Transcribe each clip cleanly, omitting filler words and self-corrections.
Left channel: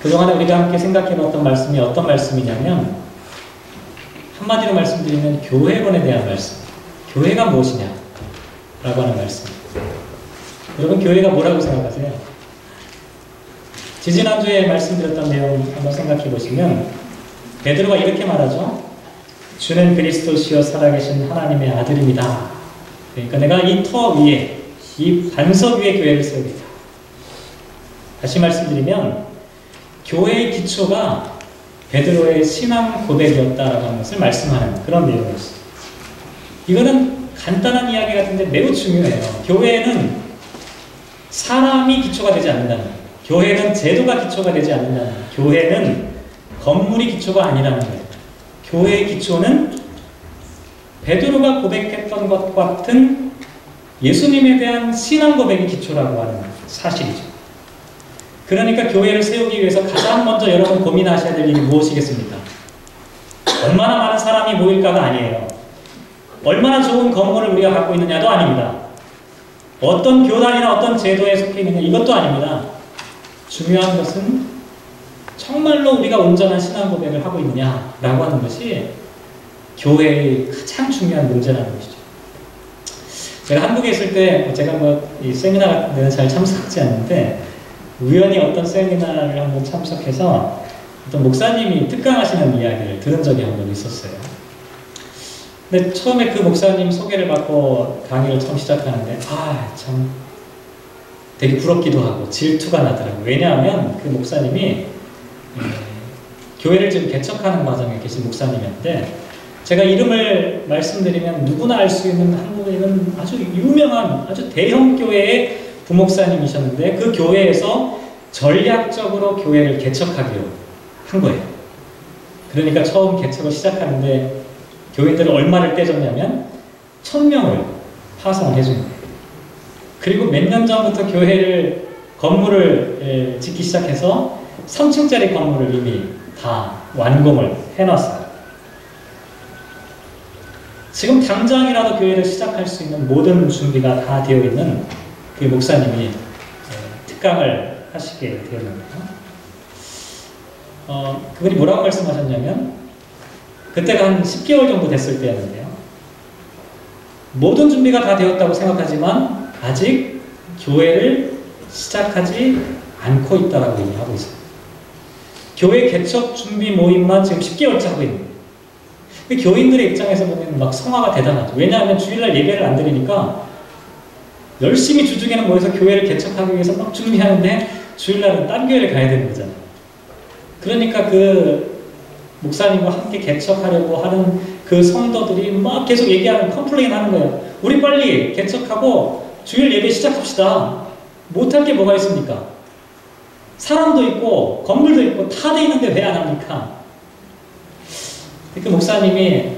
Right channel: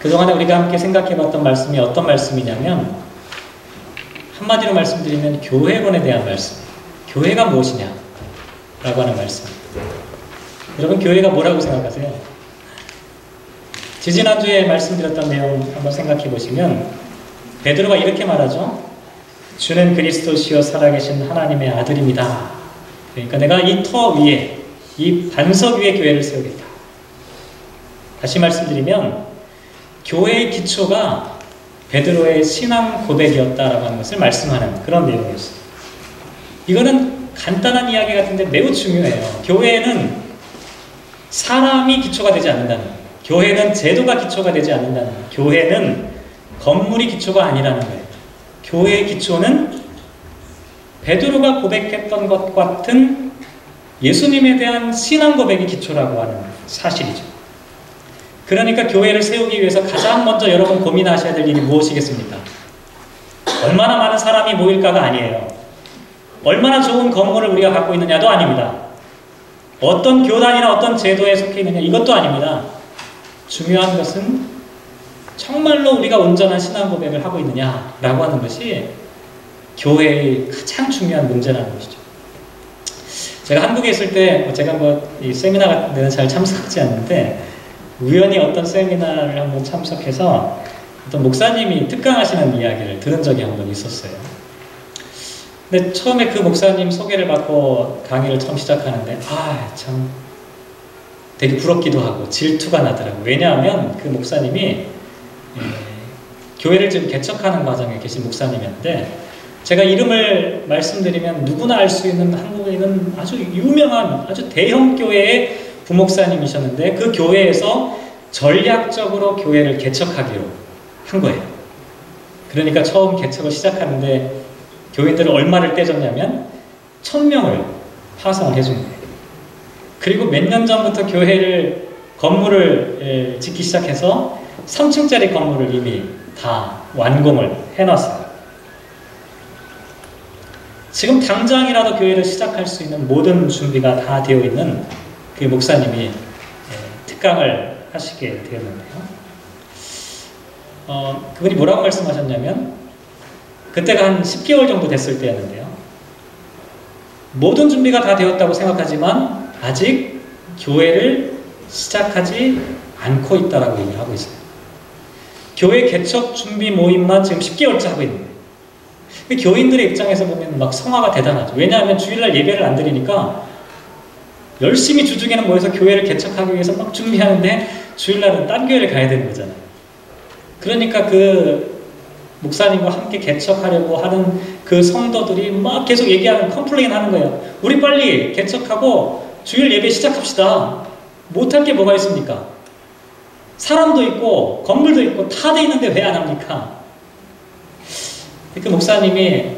그동안에 우리가 함께 생각해봤던 말씀이 어떤 말씀이냐면, 한마디로 말씀드리면 교회론에 대한 말씀. 교회가 무엇이냐? 라고 하는 말씀. 여러분, 교회가 뭐라고 생각하세요? 지지난주에 말씀드렸던 내용 한번 생각해 보시면, 베드로가 이렇게 말하죠. 주는 그리스도시요 살아계신 하나님의 아들입니다. 그러니까 내가 이 터 위에, 이 반석 위에 교회를 세우겠다. 다시 말씀드리면 교회의 기초가 베드로의 신앙 고백이었다라고 하는 것을 말씀하는 그런 내용이었어요. 이거는 간단한 이야기 같은데 매우 중요해요. 교회는 사람이 기초가 되지 않는다는 거예요. 교회는 제도가 기초가 되지 않는다는 거예요. 교회는 건물이 기초가 아니라는 거예요. 교회의 기초는 베드로가 고백했던 것 같은 예수님에 대한 신앙 고백이 기초라고 하는 사실이죠. 그러니까 교회를 세우기 위해서 가장 먼저 여러분 고민하셔야 될 일이 무엇이겠습니까? 얼마나 많은 사람이 모일까가 아니에요. 얼마나 좋은 건물을 우리가 갖고 있느냐도 아닙니다. 어떤 교단이나 어떤 제도에 속해 있느냐 이것도 아닙니다. 중요한 것은 정말로 우리가 온전한 신앙 고백을 하고 있느냐라고 하는 것이 교회의 가장 중요한 문제라는 것이죠. 제가 한국에 있을 때 제가 이 세미나 같은 데는 잘 참석하지 않는데 우연히 어떤 세미나를 한번 참석해서 어떤 목사님이 특강하시는 이야기를 들은 적이 한번 있었어요. 근데 처음에 그 목사님 소개를 받고 강의를 처음 시작하는데 참 되게 부럽기도 하고 질투가 나더라고요. 왜냐하면 그 목사님이 교회를 지금 개척하는 과정에 계신 목사님이었는데 제가 이름을 말씀드리면 누구나 알 수 있는 한국에 있는 아주 유명한 아주 대형 교회의 부목사님이셨는데 그 교회에서 전략적으로 교회를 개척하기로 한 거예요. 그러니까 처음 개척을 시작하는데 교인들을 얼마를 떼줬냐면 1000명을 파송을 해준 거예요. 그리고 몇 년 전부터 교회를 건물을 짓기 시작해서 3층짜리 건물을 이미 다 완공을 해놨어요. 지금 당장이라도 교회를 시작할 수 있는 모든 준비가 다 되어 있는 그 목사님이 특강을 하시게 되었는데요. 그분이 뭐라고 말씀하셨냐면 그때가 한 10개월 정도 됐을 때였는데요. 모든 준비가 다 되었다고 생각하지만 아직 교회를 시작하지 않고 있다라고 얘기하고 있어요. 교회 개척 준비 모임만 지금 10개월째 하고 있는 거예요. 교인들의 입장에서 보면 막 성화가 대단하죠. 왜냐하면 주일날 예배를 안 드리니까 열심히 주중에는 모여서 교회를 개척하기 위해서 막 준비하는데 주일날은 딴 교회를 가야 되는 거잖아요. 그러니까 그 목사님과 함께 개척하려고 하는 그 성도들이 막 계속 얘기하는 컴플레인 하는 거예요. 우리 빨리 개척하고 주일 예배 시작합시다. 못할 게 뭐가 있습니까? 사람도 있고 건물도 있고 다 돼 있는데 왜 안 합니까? 그 목사님이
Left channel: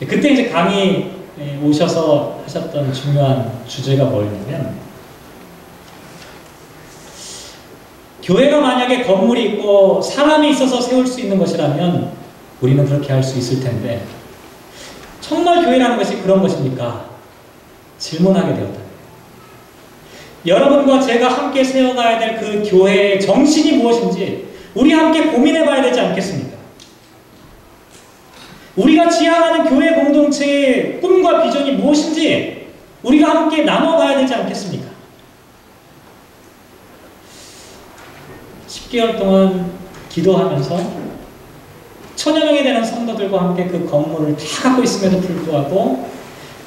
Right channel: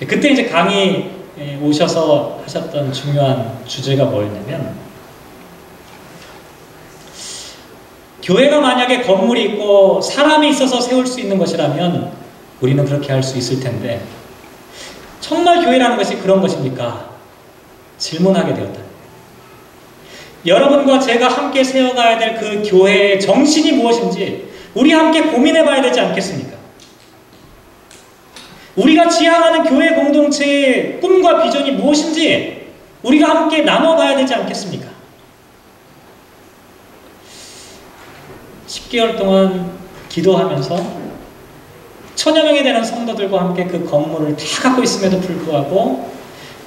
그때 이제 강의 오셔서 하셨던 중요한 주제가 뭐였냐면 교회가 만약에 건물이 있고 사람이 있어서 세울 수 있는 것이라면 우리는 그렇게 할 수 있을 텐데 정말 교회라는 것이 그런 것입니까? 질문하게 되었다. 여러분과 제가 함께 세워가야 될 그 교회의 정신이 무엇인지 우리 함께 고민해 봐야 되지 않겠습니까? 우리가 지향하는 교회 공동체의 꿈과 비전이 무엇인지 우리가 함께 나눠봐야 되지 않겠습니까? 10개월 동안 기도하면서 1000여 명이 되는 성도들과 함께 그 건물을 다 갖고 있음에도 불구하고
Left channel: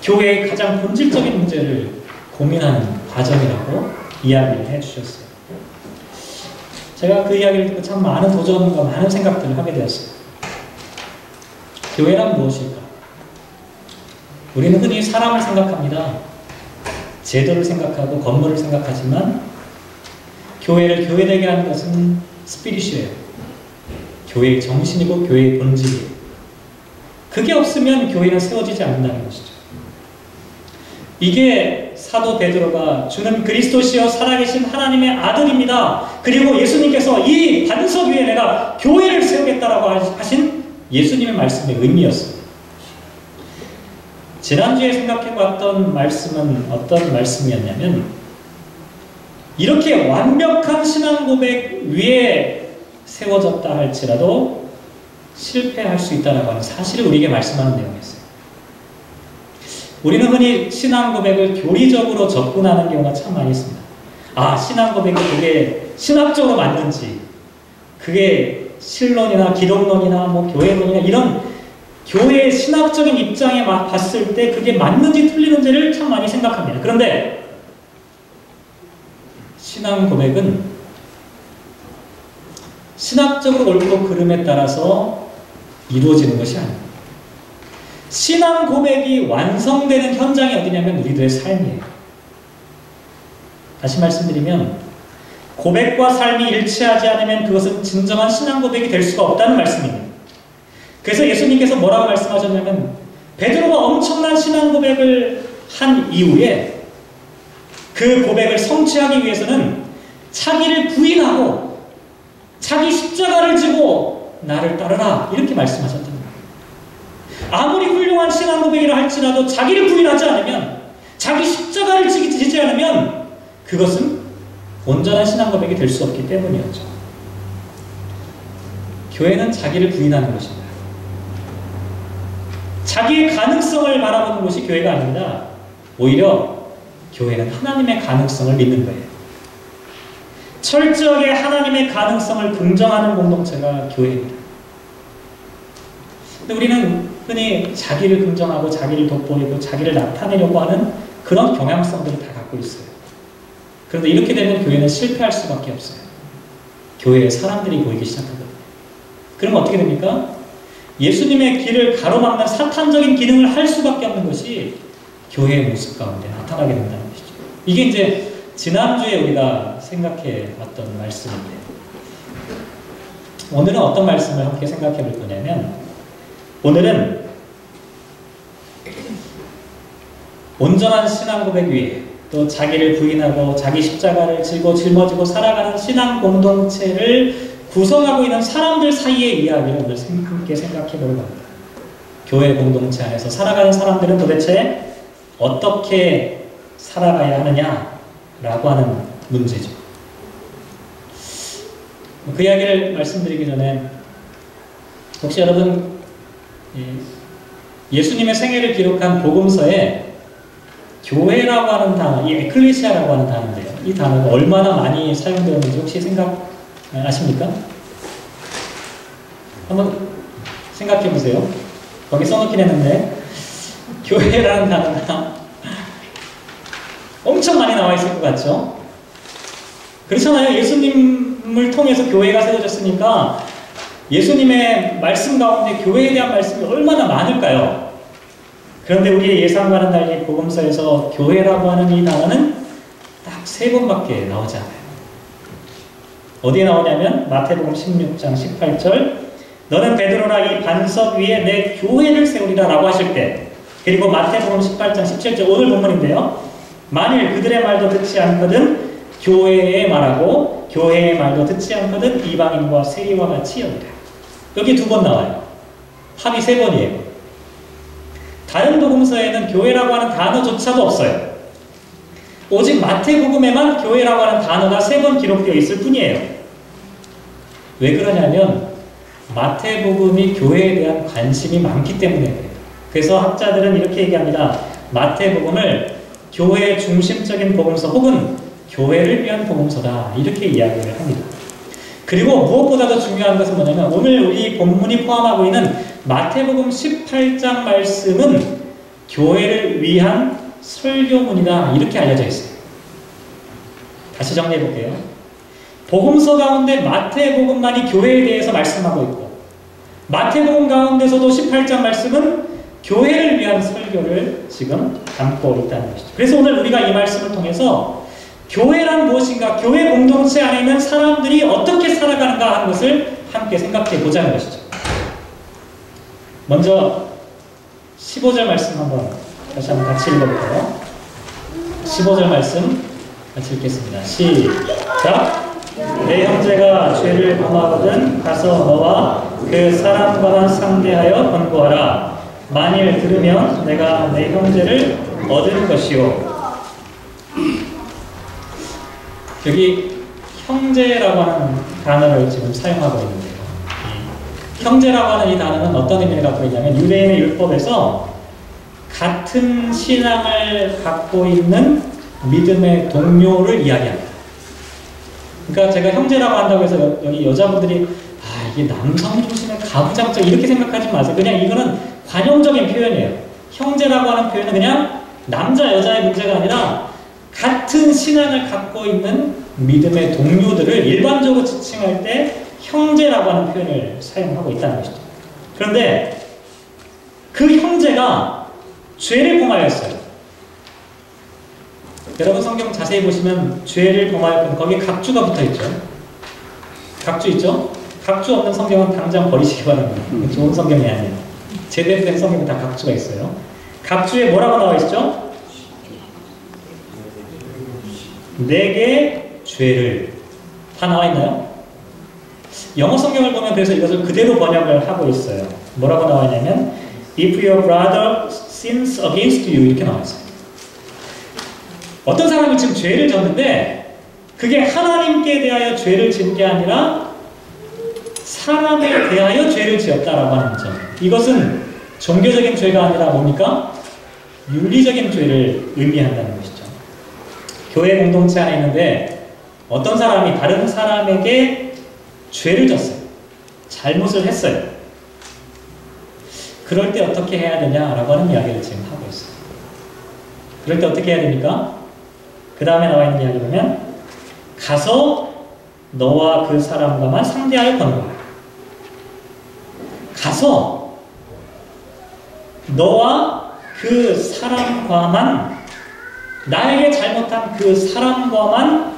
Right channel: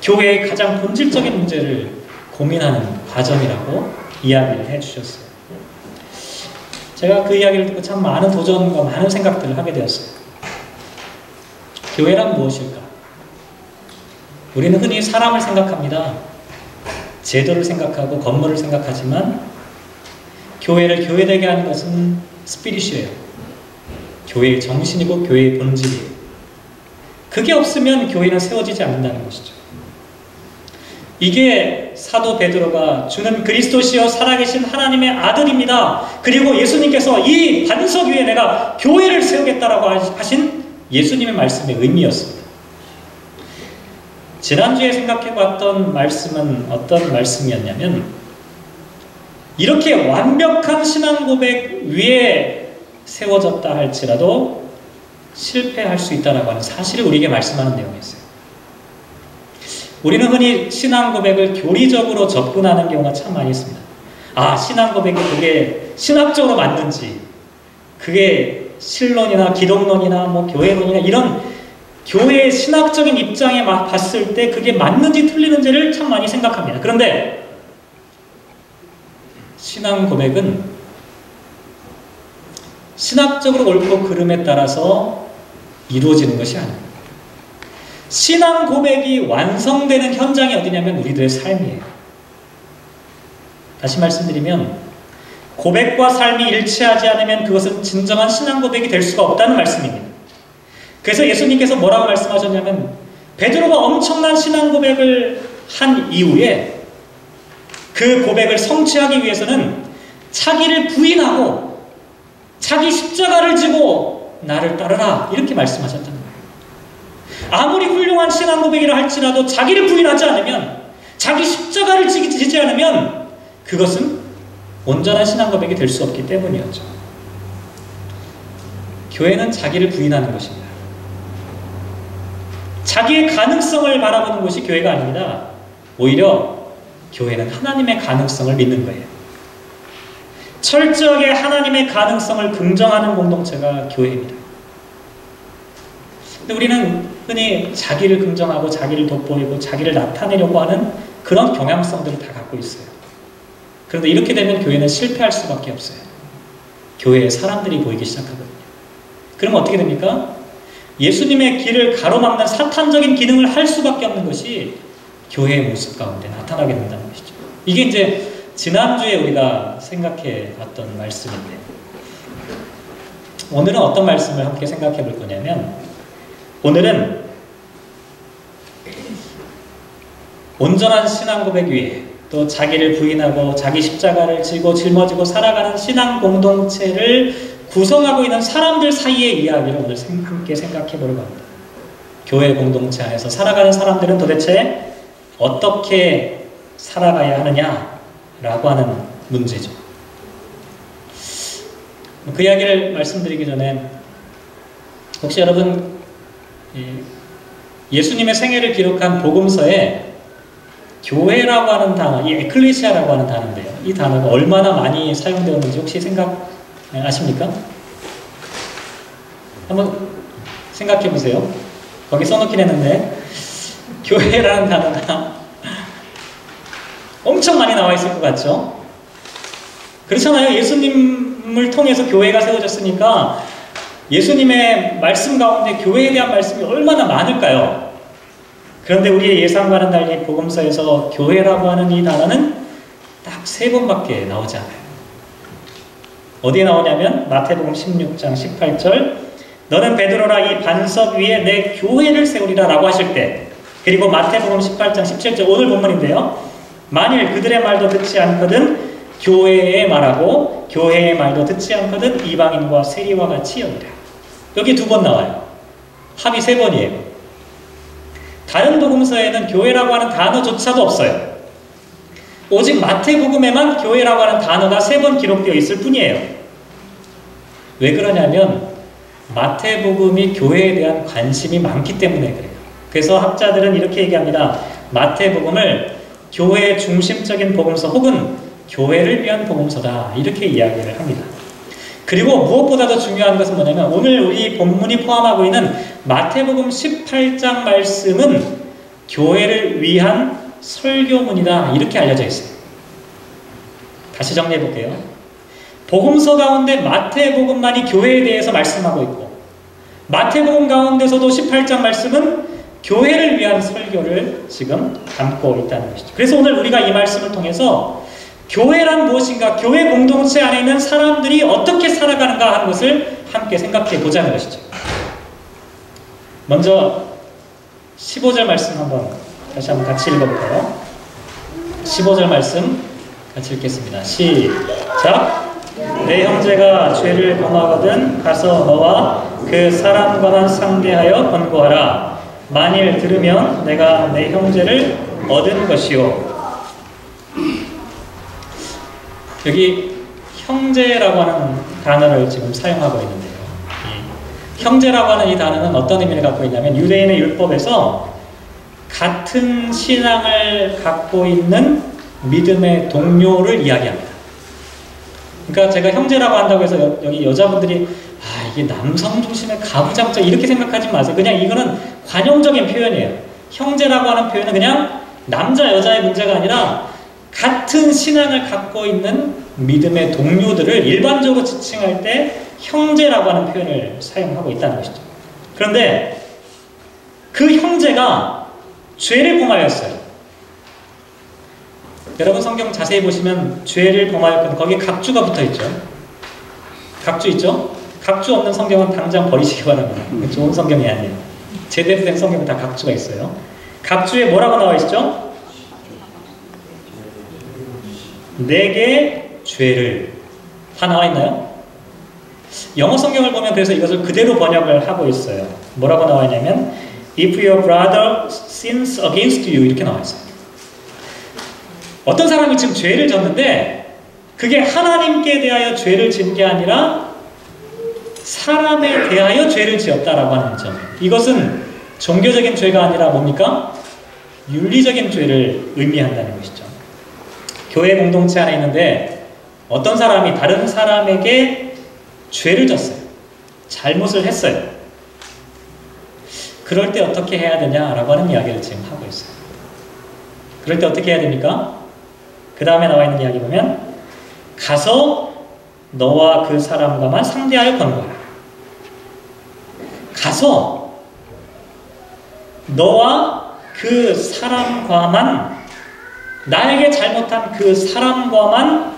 교회의 가장 본질적인 문제를 고민하는 과정이라고 이야기를 해주셨어요. 제가 그 이야기를 듣고 참 많은 도전과 많은 생각들을 하게 되었어요. 교회란 무엇일까? 우리는 흔히 사람을 생각합니다. 제도를 생각하고 건물을 생각하지만 교회를 교회되게 하는 것은 스피릿이에요. 교회의 정신이고 교회의 본질이에요. 그게 없으면 교회는 세워지지 않는다는 것이죠. 이게 사도 베드로가 주는 그리스도시요 살아계신 하나님의 아들입니다. 그리고 예수님께서 이 반석 위에 내가 교회를 세우겠다라고 하신 예수님의 말씀의 의미였습니다. 지난주에 생각해봤던 말씀은 어떤 말씀이었냐면 이렇게 완벽한 신앙 고백 위에 세워졌다 할지라도 실패할 수 있다는 하는 사실을 우리에게 말씀하는 내용이었어요. 우리는 흔히 신앙 고백을 교리적으로 접근하는 경우가 참 많이 있습니다. 아, 신앙 고백이 그게 신학적으로 맞는지, 그게 신론이나 기독론이나 뭐 교회론이나 이런 교회의 신학적인 입장에 봤을 때 그게 맞는지 틀리는지를 참 많이 생각합니다. 그런데 신앙 고백은 신학적으로 옳고 그름에 따라서 이루어지는 것이 아닙니다. 신앙 고백이 완성되는 현장이 어디냐면 우리들의 삶이에요. 다시 말씀드리면 고백과 삶이 일치하지 않으면 그것은 진정한 신앙 고백이 될 수가 없다는 말씀입니다. 그래서 예수님께서 뭐라고 말씀하셨냐면 베드로가 엄청난 신앙 고백을 한 이후에 그 고백을 성취하기 위해서는 자기를 부인하고 자기 십자가를 지고 나를 따르라 이렇게 말씀하셨다는 거예요. 아무리 훌륭한 신앙 고백이라 할지라도 자기를 부인하지 않으면, 자기 십자가를 지지 않으면 그것은 온전한 신앙 고백이 될 수 없기 때문이었죠. 교회는 자기를 부인하는 것입니다. 자기의 가능성을 바라보는 것이 교회가 아닙니다. 오히려 교회는 하나님의 가능성을 믿는 거예요. 철저하게 하나님의 가능성을 긍정하는 공동체가 교회입니다. 근데 우리는 흔히 자기를 긍정하고 자기를 돋보이고 자기를 나타내려고 하는 그런 경향성들을 다 갖고 있어요. 그런데 이렇게 되면 교회는 실패할 수밖에 없어요. 교회에 사람들이 보이기 시작하거든요. 그럼 어떻게 됩니까? 예수님의 길을 가로막는 사탄적인 기능을 할 수밖에 없는 것이 교회의 모습 가운데 나타나게 된다는 것이죠. 이게 이제 지난주에 우리가 생각해 봤던 말씀인데, 오늘은 어떤 말씀을 함께 생각해 볼 거냐면, 오늘은 온전한 신앙 고백 위에 또 자기를 부인하고 자기 십자가를 지고 짊어지고 살아가는 신앙 공동체를 구성하고 있는 사람들 사이의 이야기를 오늘 함께 생각해 보려고 합니다. 교회 공동체 안에서 살아가는 사람들은 도대체 어떻게 살아가야 하느냐라고 하는 문제죠. 그 이야기를 말씀드리기 전에 혹시 여러분 예수님의 생애를 기록한 복음서에 교회라고 하는 단어, 이 에클레시아라고 하는 단어인데요. 이 단어가 얼마나 많이 사용되었는지 혹시 아십니까? 한번 생각해 보세요. 거기 써놓긴 했는데 교회라는 단어가 엄청 많이 나와 있을 것 같죠? 그렇잖아요. 예수님을 통해서 교회가 세워졌으니까 예수님의 말씀 가운데 교회에 대한 말씀이 얼마나 많을까요? 그런데 우리의 예상과는 달리 복음서에서 교회라고 하는 이 단어는 딱 3번밖에 나오지 않아요. 어디에 나오냐면 마태복음 16장 18절, 너는 베드로라 이 반석 위에 내 교회를 세우리라 라고 하실 때, 그리고 마태복음 18장 17절 오늘 본문인데요, 만일 그들의 말도 듣지 않거든 교회의 말하고 교회의 말도 듣지 않거든 이방인과 세리와 같이 여기라. 여기 2번 나와요. 합이 3번이에요. 다른 복음서에는 교회라고 하는 단어조차도 없어요. 오직 마태복음에만 교회라고 하는 단어가 3번 기록되어 있을 뿐이에요. 왜 그러냐면 마태복음이 교회에 대한 관심이 많기 때문에 그래요. 그래서 학자들은 이렇게 얘기합니다. 마태복음을 교회의 중심적인 복음서 혹은 교회를 위한 복음서다 이렇게 이야기를 합니다. 그리고 무엇보다도 중요한 것은 뭐냐면 오늘 우리 본문이 포함하고 있는 마태복음 18장 말씀은 교회를 위한 설교문이다 이렇게 알려져 있어요. 다시 정리해 볼게요. 복음서 가운데 마태복음만이 교회에 대해서 말씀하고 있고 마태복음 가운데서도 18장 말씀은 교회를 위한 설교를 지금 담고 있다는 것이죠. 그래서 오늘 우리가 이 말씀을 통해서 교회란 무엇인가, 교회 공동체 안에 있는 사람들이 어떻게 살아가는가 하는 것을 함께 생각해 보자는 것이죠. 먼저 15절 말씀 다시 한번 같이 읽어볼까요? 15절 말씀 같이 읽겠습니다. 시작! 내 형제가 죄를 범하거든 가서 너와 그 사람과만 상대하여 권고하라. 만일 들으면 내가 내 형제를 얻은 것이요. 여기 형제라고 하는 단어를 지금 사용하고 있는데요. 이 형제라고 하는 이 단어는 어떤 의미를 갖고 있냐면 유대인의 율법에서 같은 신앙을 갖고 있는 믿음의 동료를 이야기합니다. 그러니까 제가 형제라고 한다고 해서 여기 여자분들이 이게 남성 중심의 가부장적 이렇게 생각하지 마세요. 그냥 이거는 관용적인 표현이에요. 형제라고 하는 표현은 그냥 남자 여자의 문제가 아니라 같은 신앙을 갖고 있는 믿음의 동료들을 일반적으로 지칭할 때 형제라고 하는 표현을 사용하고 있다는 것이죠. 그런데 그 형제가 죄를 범하였어요. 여러분 성경 자세히 보시면 죄를 범하였거든 거기에 각주가 붙어있죠. 각주 있죠? 각주 없는 성경은 당장 버리시기 바랍니다. 좋은 성경이 아니에요. 제대로 된 성경은 다 각주가 있어요. 각주에 뭐라고 나와 있죠? 내게 죄를 다 나와 있나요? 영어 성경을 보면 그래서 이것을 그대로 번역을 하고 있어요. 뭐라고 나와 있냐면 If your brother sins against you 이렇게 나와 있어요. 어떤 사람이 지금 죄를 졌는데 그게 하나님께 대하여 죄를 진 게 아니라 사람에 대하여 죄를 지었다라고 하는 점. 이것은 종교적인 죄가 아니라 뭡니까? 윤리적인 죄를 의미한다는 것이죠. 교회 공동체 안에 있는데 어떤 사람이 다른 사람에게 죄를 졌어요. 잘못을 했어요. 그럴 때 어떻게 해야 되냐라고 하는 이야기를 지금 하고 있어요. 그럴 때 어떻게 해야 됩니까? 그 다음에 나와 있는 이야기 보면 가서 너와 그 사람과만 상대하여 권고하라. 가서 너와 그 사람과만 나에게 잘못한 그 사람과만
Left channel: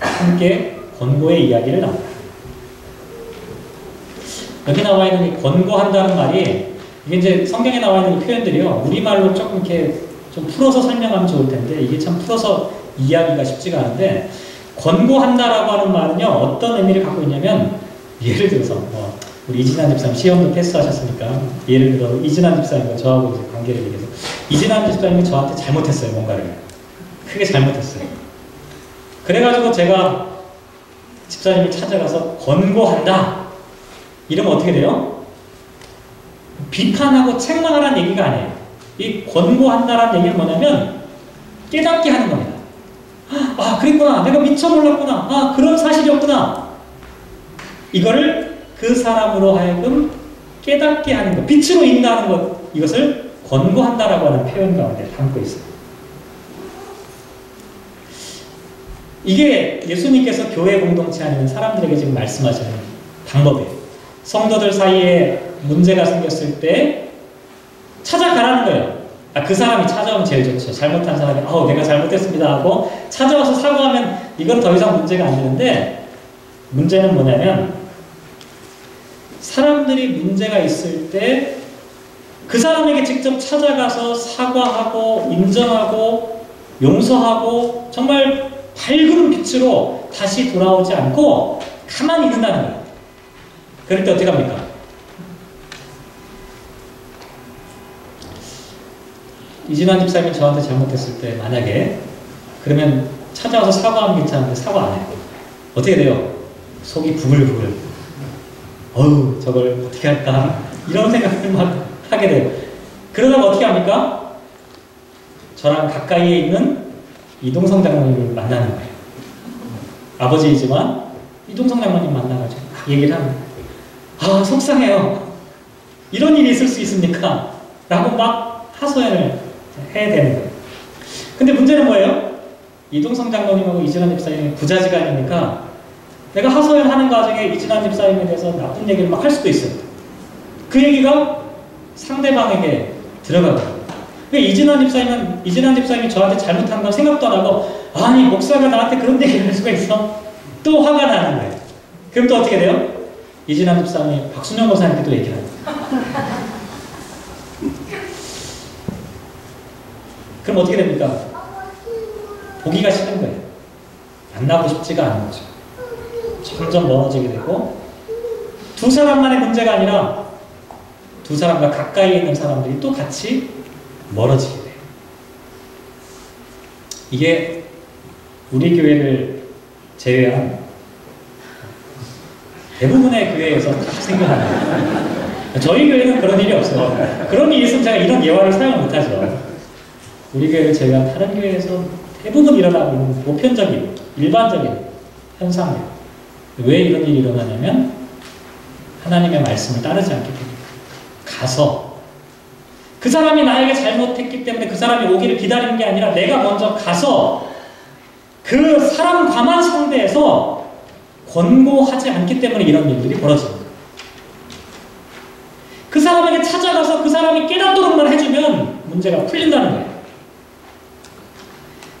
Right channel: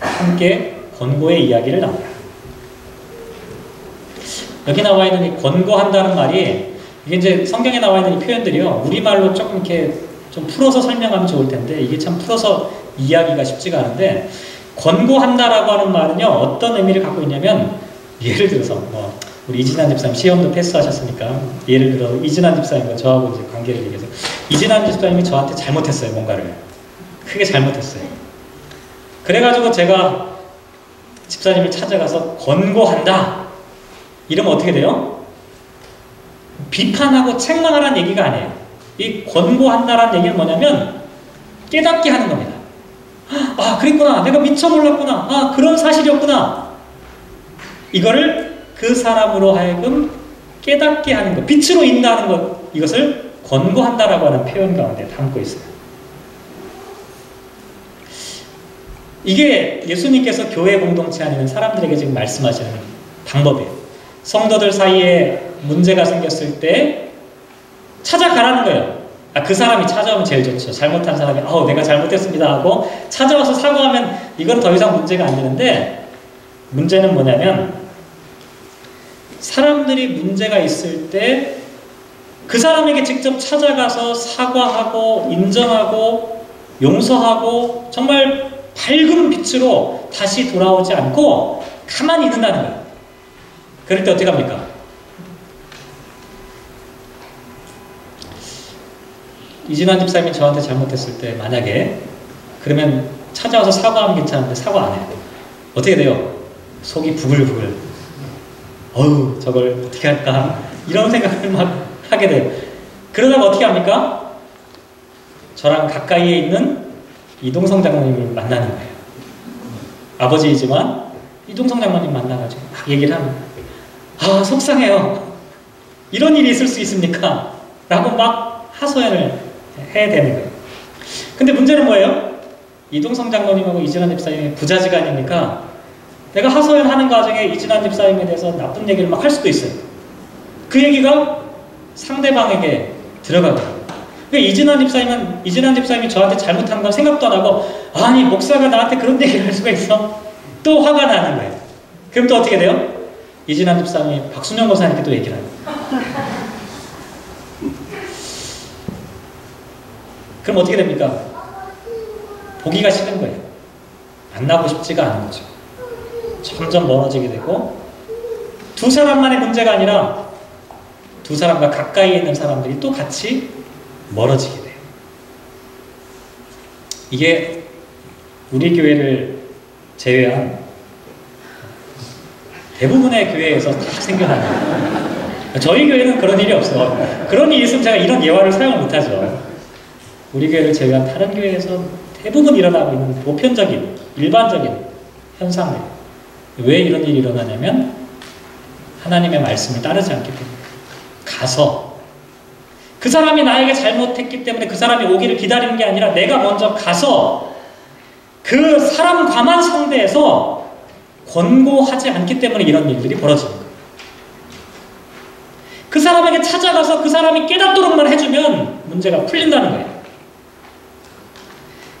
함께 권고의 이야기를 나눠라. 여기 나와 있는 이 권고한다는 말이 이게 이제 성경에 나와 있는 이 표현들이요 우리말로 조금 이렇게 좀 풀어서 설명하면 좋을 텐데 이게 참 풀어서 이야기가 쉽지가 않은데 권고한다라고 하는 말은요 어떤 의미를 갖고 있냐면 예를 들어서 우리 이진환 집사님 시험도 패스하셨으니까 예를 들어 이진환 집사님과 저하고 이제 관계를 얘기해서 이진환 집사님이 저한테 잘못했어요. 뭔가를 크게 잘못했어요. 그래가지고 제가 집사님을 찾아가서 권고한다 이러면 어떻게 돼요? 비판하고 책망하라는 얘기가 아니에요. 이 권고한다라는 얘기는 뭐냐면 깨닫게 하는 겁니다. 아 그랬구나. 내가 미처 몰랐구나. 아 그런 사실이었구나. 이거를 그 사람으로 하여금 깨닫게 하는 것, 빛으로 인도하는 것, 이것을 권고한다라고 하는 표현 가운데 담고 있어요. 이게 예수님께서 교회 공동체 안에 있는 사람들에게 지금 말씀하시는 방법이에요. 성도들 사이에 문제가 생겼을 때 찾아가라는 거예요. 그 사람이 찾아오면 제일 좋죠. 잘못한 사람이 내가 잘못했습니다 하고 찾아와서 사과하면 이건 더 이상 문제가 안 되는데 문제는 뭐냐면 사람들이 문제가 있을 때 그 사람에게 직접 찾아가서 사과하고 인정하고 용서하고 정말 밝은 빛으로 다시 돌아오지 않고 가만히 있는다는 거예요. 그럴 때 어떻게 합니까? 이진환 집사님이 저한테 잘못했을 때 만약에 그러면 찾아와서 사과하면 괜찮은데 사과 안 해요. 어떻게 돼요? 속이 부글부글 저걸 어떻게 할까? 이런 생각을 막 하게 돼요. 그러다가 어떻게 합니까? 저랑 가까이에 있는 이동성 장로님을 만나는 거예요. 아버지이지만 이동성 장로님 만나가지고 막 얘기를 하면 속상해요. 이런 일이 있을 수 있습니까? 라고 막 하소연을 해야 되는 거예요. 근데 문제는 뭐예요? 이동성 장로님하고 이진환 집사님이 부자지간이니까 내가 하소연하는 과정에 이진환 집사님에 대해서 나쁜 얘기를 막 할 수도 있어요. 그 얘기가 상대방에게 들어가거든요. 이진환 집사님이 저한테 잘못한 건 생각도 안 하고 아니 목사가 나한테 그런 얘기를 할 수가 있어? 또 화가 나는 거예요. 그럼 또 어떻게 돼요? 이진환 집사님이 박순영 목사님께 또 얘기를 합니다. 그럼 어떻게 됩니까? 보기가 싫은 거예요. 만나고 싶지가 않은 거죠. 점점 멀어지게 되고 두 사람만의 문제가 아니라 두 사람과 가까이에 있는 사람들이 또 같이 멀어지게 돼요. 이게 우리 교회를 제외한 대부분의 교회에서 다 생겨나요. 저희 교회는 그런 일이 없어요. 그런 일이 있으면 제가 이런 예화를 사용을 못하죠. 우리 교회를 제외한 다른 교회에서 대부분 일어나고 있는 보편적인, 일반적인 현상들. 왜 이런 일이 일어나냐면 하나님의 말씀을 따르지 않기 때문에. 가서 그 사람이 나에게 잘못했기 때문에 그 사람이 오기를 기다리는 게 아니라 내가 먼저 가서 그 사람과만 상대해서 권고하지 않기 때문에 이런 일들이 벌어지는 거예요. 그 사람에게 찾아가서 그 사람이 깨닫도록만 해주면 문제가 풀린다는 거예요.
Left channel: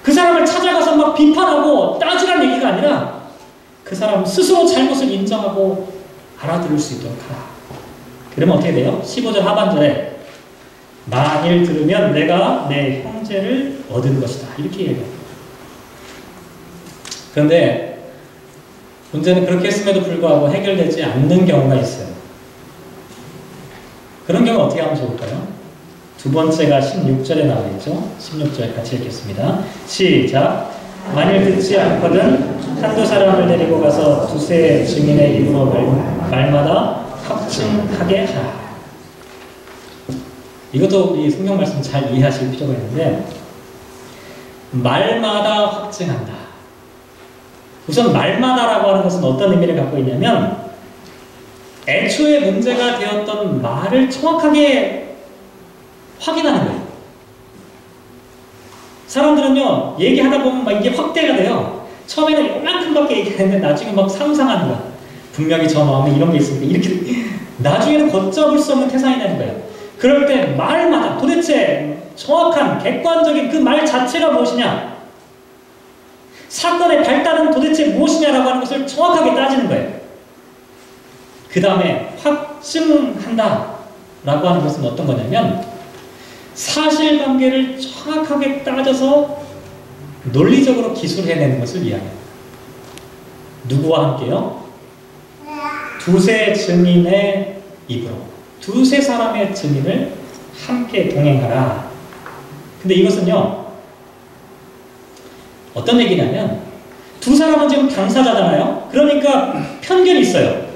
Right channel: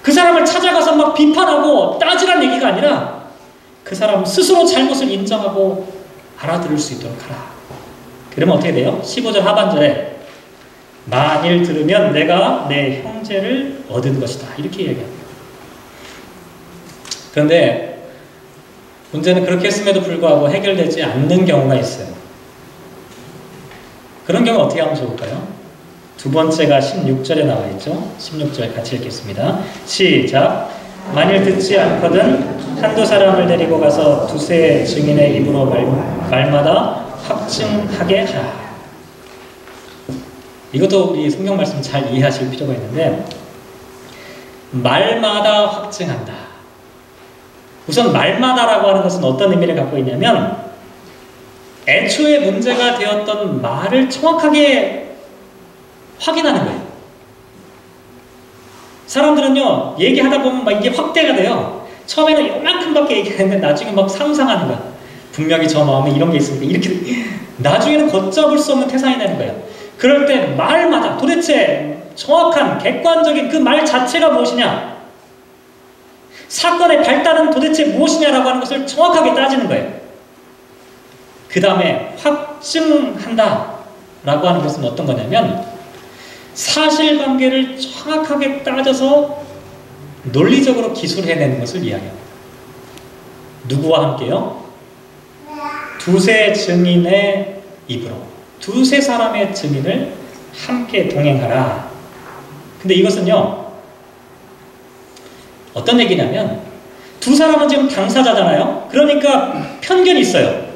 그 사람을 찾아가서 막 비판하고 따지란 얘기가 아니라 그 사람 스스로 잘못을 인정하고 알아들을 수 있도록 하라. 그러면 어떻게 돼요? 15절 하반절에 만일 들으면 내가 내 형제를 얻은 것이다. 이렇게 얘기합니다. 그런데 문제는 그렇게 했음에도 불구하고 해결되지 않는 경우가 있어요. 그런 경우 어떻게 하면 좋을까요? 두 번째가 16절에 나와 있죠. 16절 같이 읽겠습니다. 시작. 만일 듣지 않거든 한두 사람을 데리고 가서 두세 증인의 입으로 말마다 확증하게 하라. 이것도 우리 성경 말씀 잘 이해하실 필요가 있는데 말마다 확증한다. 우선 말마다라고 하는 것은 어떤 의미를 갖고 있냐면 애초에 문제가 되었던 말을 정확하게 확인하는 거예요. 사람들은요 얘기하다 보면 막 이게 확대가 돼요. 처음에는 요만큼밖에 얘기했는데 나중에 막 상상하는 거야. 분명히 저 마음에 이런 게 있으니까 이렇게 나중에는 걷잡을 수 없는 태산이 되는 거예요. 그럴 때 말마다 도대체 정확한 객관적인 그 말 자체가 무엇이냐, 사건의 발단은 도대체 무엇이냐라고 하는 것을 정확하게 따지는 거예요. 그 다음에 확증한다 라고 하는 것은 어떤 거냐면 사실관계를 정확하게 따져서 논리적으로 기술해내는 것을 이야기합니다. 누구와 함께요? 두세 증인의 입으로, 두세 사람의 증인을 함께 동행하라. 근데 이것은요 어떤 얘기냐면 두 사람은 지금 당사자잖아요. 그러니까 편견이 있어요.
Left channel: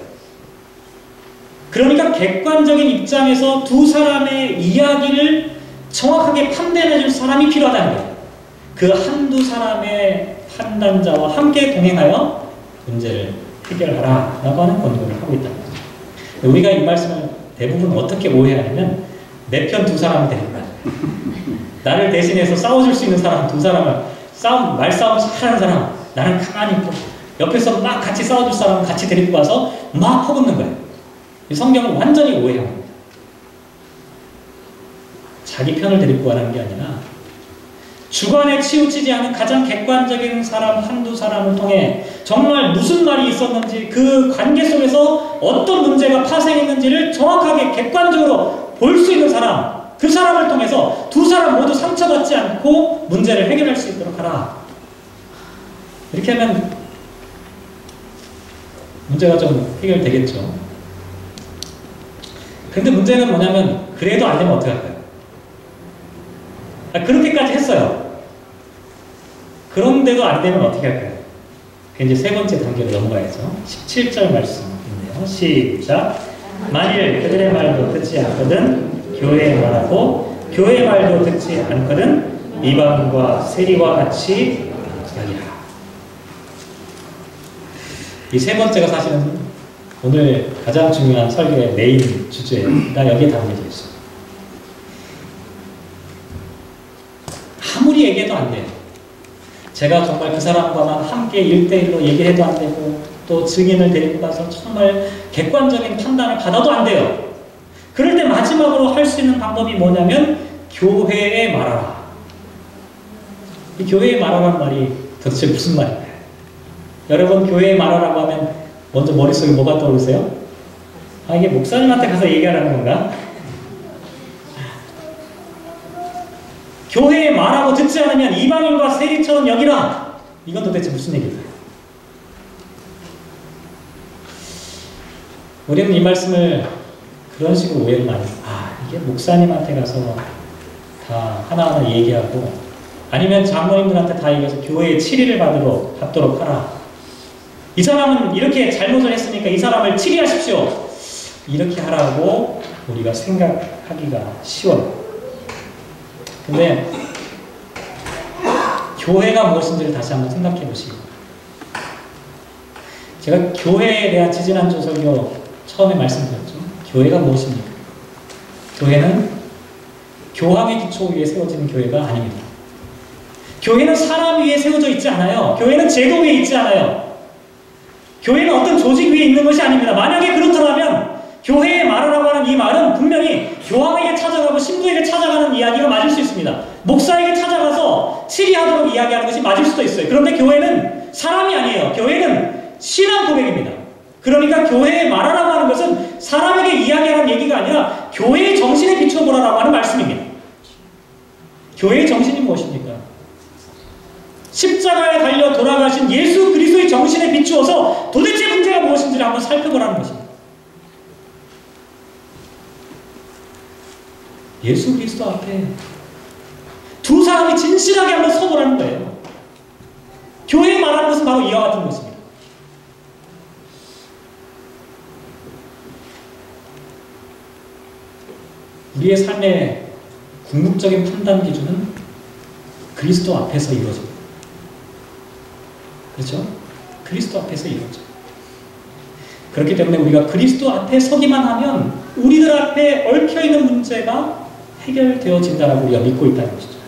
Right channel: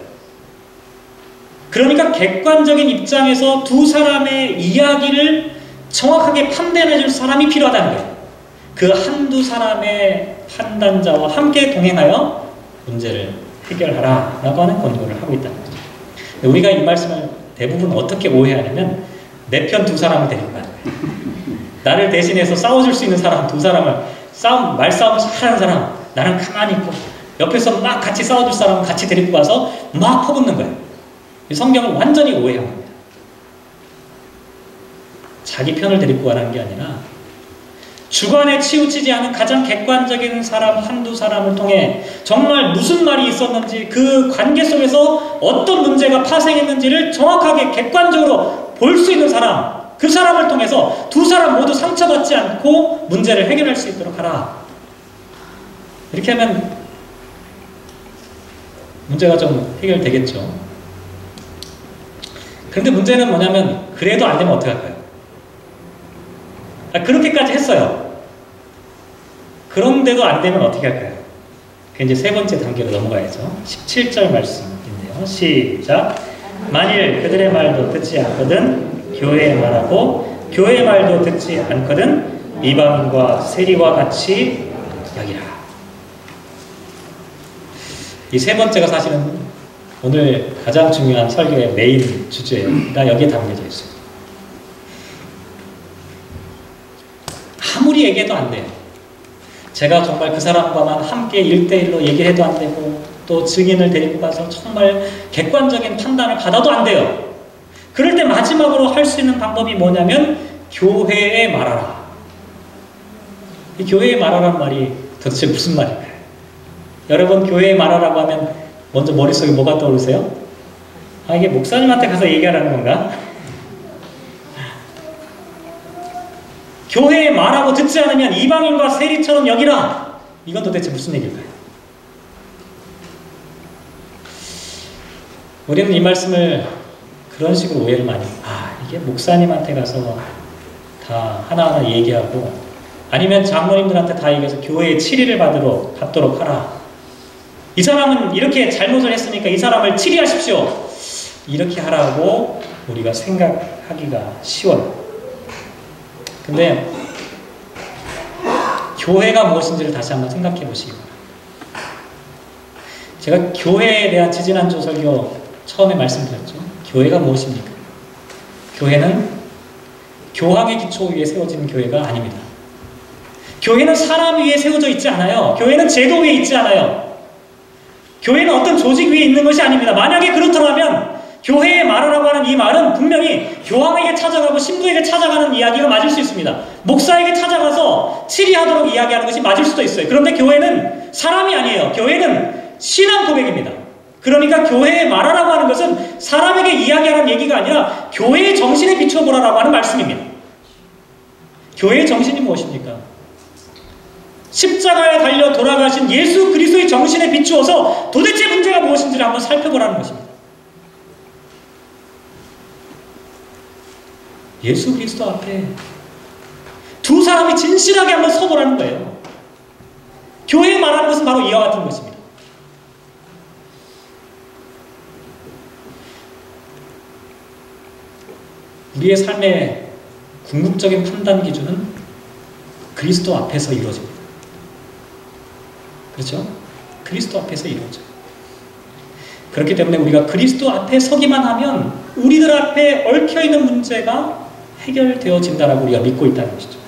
그러니까 객관적인 입장에서 두 사람의 이야기를 정확하게 판단해 줄 사람이 필요하다는 거예요. 그 한두 사람의 판단자와 함께 동행하여 문제를 해결하라 라고 하는 권고를 하고 있다는 거죠. 우리가 이 말씀을 대부분 어떻게 오해하냐면 내 편 두 사람을 데리고 가는 거예요. 나를 대신해서 싸워줄 수 있는 사람 두 사람을 말싸움 잘하는 사람, 나는 가만히 있고 옆에서 막 같이 싸워줄 사람은 같이 데리고 가서 막 퍼붓는 거예요. 이 성경을 완전히 오해한 겁니다. 자기 편을 데리고 가라는 게 아니라 주관에 치우치지 않은 가장 객관적인 사람 한두 사람을 통해 정말 무슨 말이 있었는지 그 관계 속에서 어떤 문제가 파생했는지를 정확하게 객관적으로 볼 수 있는 사람, 그 사람을 통해서 두 사람 모두 상처받지 않고 문제를 해결할 수 있도록 하라. 이렇게 하면 문제가 좀 해결되겠죠. 그런데 문제는 뭐냐면 그래도 안 되면 어떻게 할까요? 그렇게까지 했어요. 그런데도 안 되면 어떻게 할까요? 그 이제 세 번째 단계로 넘어가야죠. 17절 말씀인데요. 시작. 만일 그들의 말도 듣지 않거든 교회의 말하고 교회의 말도 듣지 않거든 이방인과 세리와 같이 여기라. 이 세 번째가 사실은 오늘 가장 중요한 설교의 메인 주제가 여기에 담겨져 있어요. 아무리 얘기해도 안 돼요. 제가 정말 그 사람과만 함께 1대1로 얘기해도 안 되고 또 증인을 데리고 가서 정말 객관적인 판단을 받아도 안 돼요. 그럴 때 마지막으로 할 수 있는 방법이 뭐냐면 교회에 말하라. 이 교회에 말하라는 말이 도대체 무슨 말인가요? 여러분 교회에 말하라고 하면 먼저 머릿속에 뭐가 떠오르세요? 아, 이게 목사님한테 가서 얘기하라는 건가? 교회에 말하고 듣지 않으면 이방인과 세리처럼 여기라. 이건 도대체 무슨 얘기일까요? 우리는 이 말씀을 그런 식으로 오해를 많이 해요. 이게 목사님한테 가서 다 하나하나 얘기하고 아니면 장로님들한테 다 얘기해서 교회에 치리를 받도록 하라. 이 사람은 이렇게 잘못을 했으니까 이 사람을 치리하십시오. 이렇게 하라고 우리가 생각하기가 쉬워요. 근데 교회가 무엇인지를 다시 한번 생각해 보시기 바랍니다. 제가 교회에 대한 지지난주 설교 처음에 말씀드렸죠. 교회가 무엇입니까? 교회는 교황의 기초 위에 세워진 교회가 아닙니다. 교회는 사람 위에 세워져 있지 않아요. 교회는 제도 위에 있지 않아요. 교회는 어떤 조직 위에 있는 것이 아닙니다. 만약에 그렇다면 교회에 말하라고 하는 이 말은 분명히 교황에게 찾아가고 신부에게 찾아가는 이야기가 맞을 수 있습니다. 목사에게 찾아가서 치리하도록 이야기하는 것이 맞을 수도 있어요. 그런데 교회는 사람이 아니에요. 교회는 신앙 고백입니다. 그러니까 교회에 말하라고 하는 것은 사람에게 이야기하는 얘기가 아니라 교회의 정신에 비춰보라라고 하는 말씀입니다. 교회의 정신이 무엇입니까? 십자가에 달려 돌아가신 예수 그리스도의 정신에 비추어서 도대체 문제가 무엇인지를 한번 살펴보라는 것입니다. 예수 그리스도 앞에 두 사람이 진실하게 한번 서보라는 거예요. 교회에 말하는 것은 바로 이와 같은 것입니다. 우리의 삶의 궁극적인 판단 기준은 그리스도 앞에서 이루어집니다. 그렇죠? 그리스도 앞에서 이루어져요. 그렇기 때문에 우리가 그리스도 앞에 서기만 하면 우리들 앞에 얽혀있는 문제가 해결되어진다라고 우리가 믿고 있다는 것이죠.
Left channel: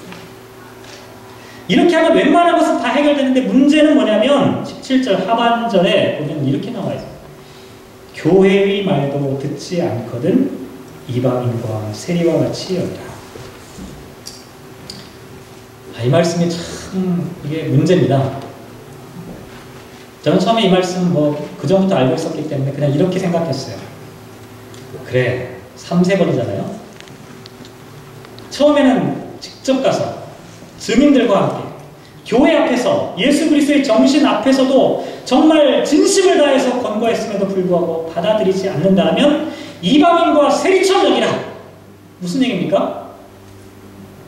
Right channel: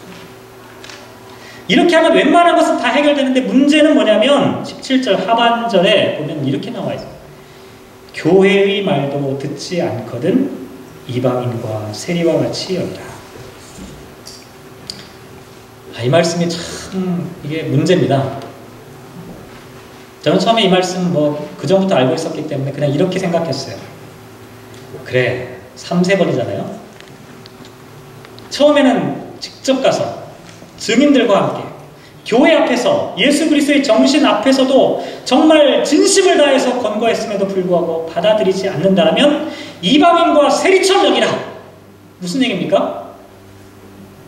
이렇게 하면 웬만한 것은 다 해결되는데 문제는 뭐냐면 17절 하반절에 보면 이렇게 나와 있어요. 교회의 말도 듣지 않거든 이방인과 세리와 같이 여기라. 이 말씀이 참 이게 문제입니다. 저는 처음에 이 말씀 그 전부터 알고 있었기 때문에 그냥 이렇게 생각했어요. 그래, 3세번이잖아요. 처음에는 직접 가서 증인들과 함께 교회 앞에서 예수 그리스도의 정신 앞에서도 정말 진심을 다해서 권고했음에도 불구하고 받아들이지 않는다면 이방인과 세리처럼 여기라. 무슨 얘기입니까?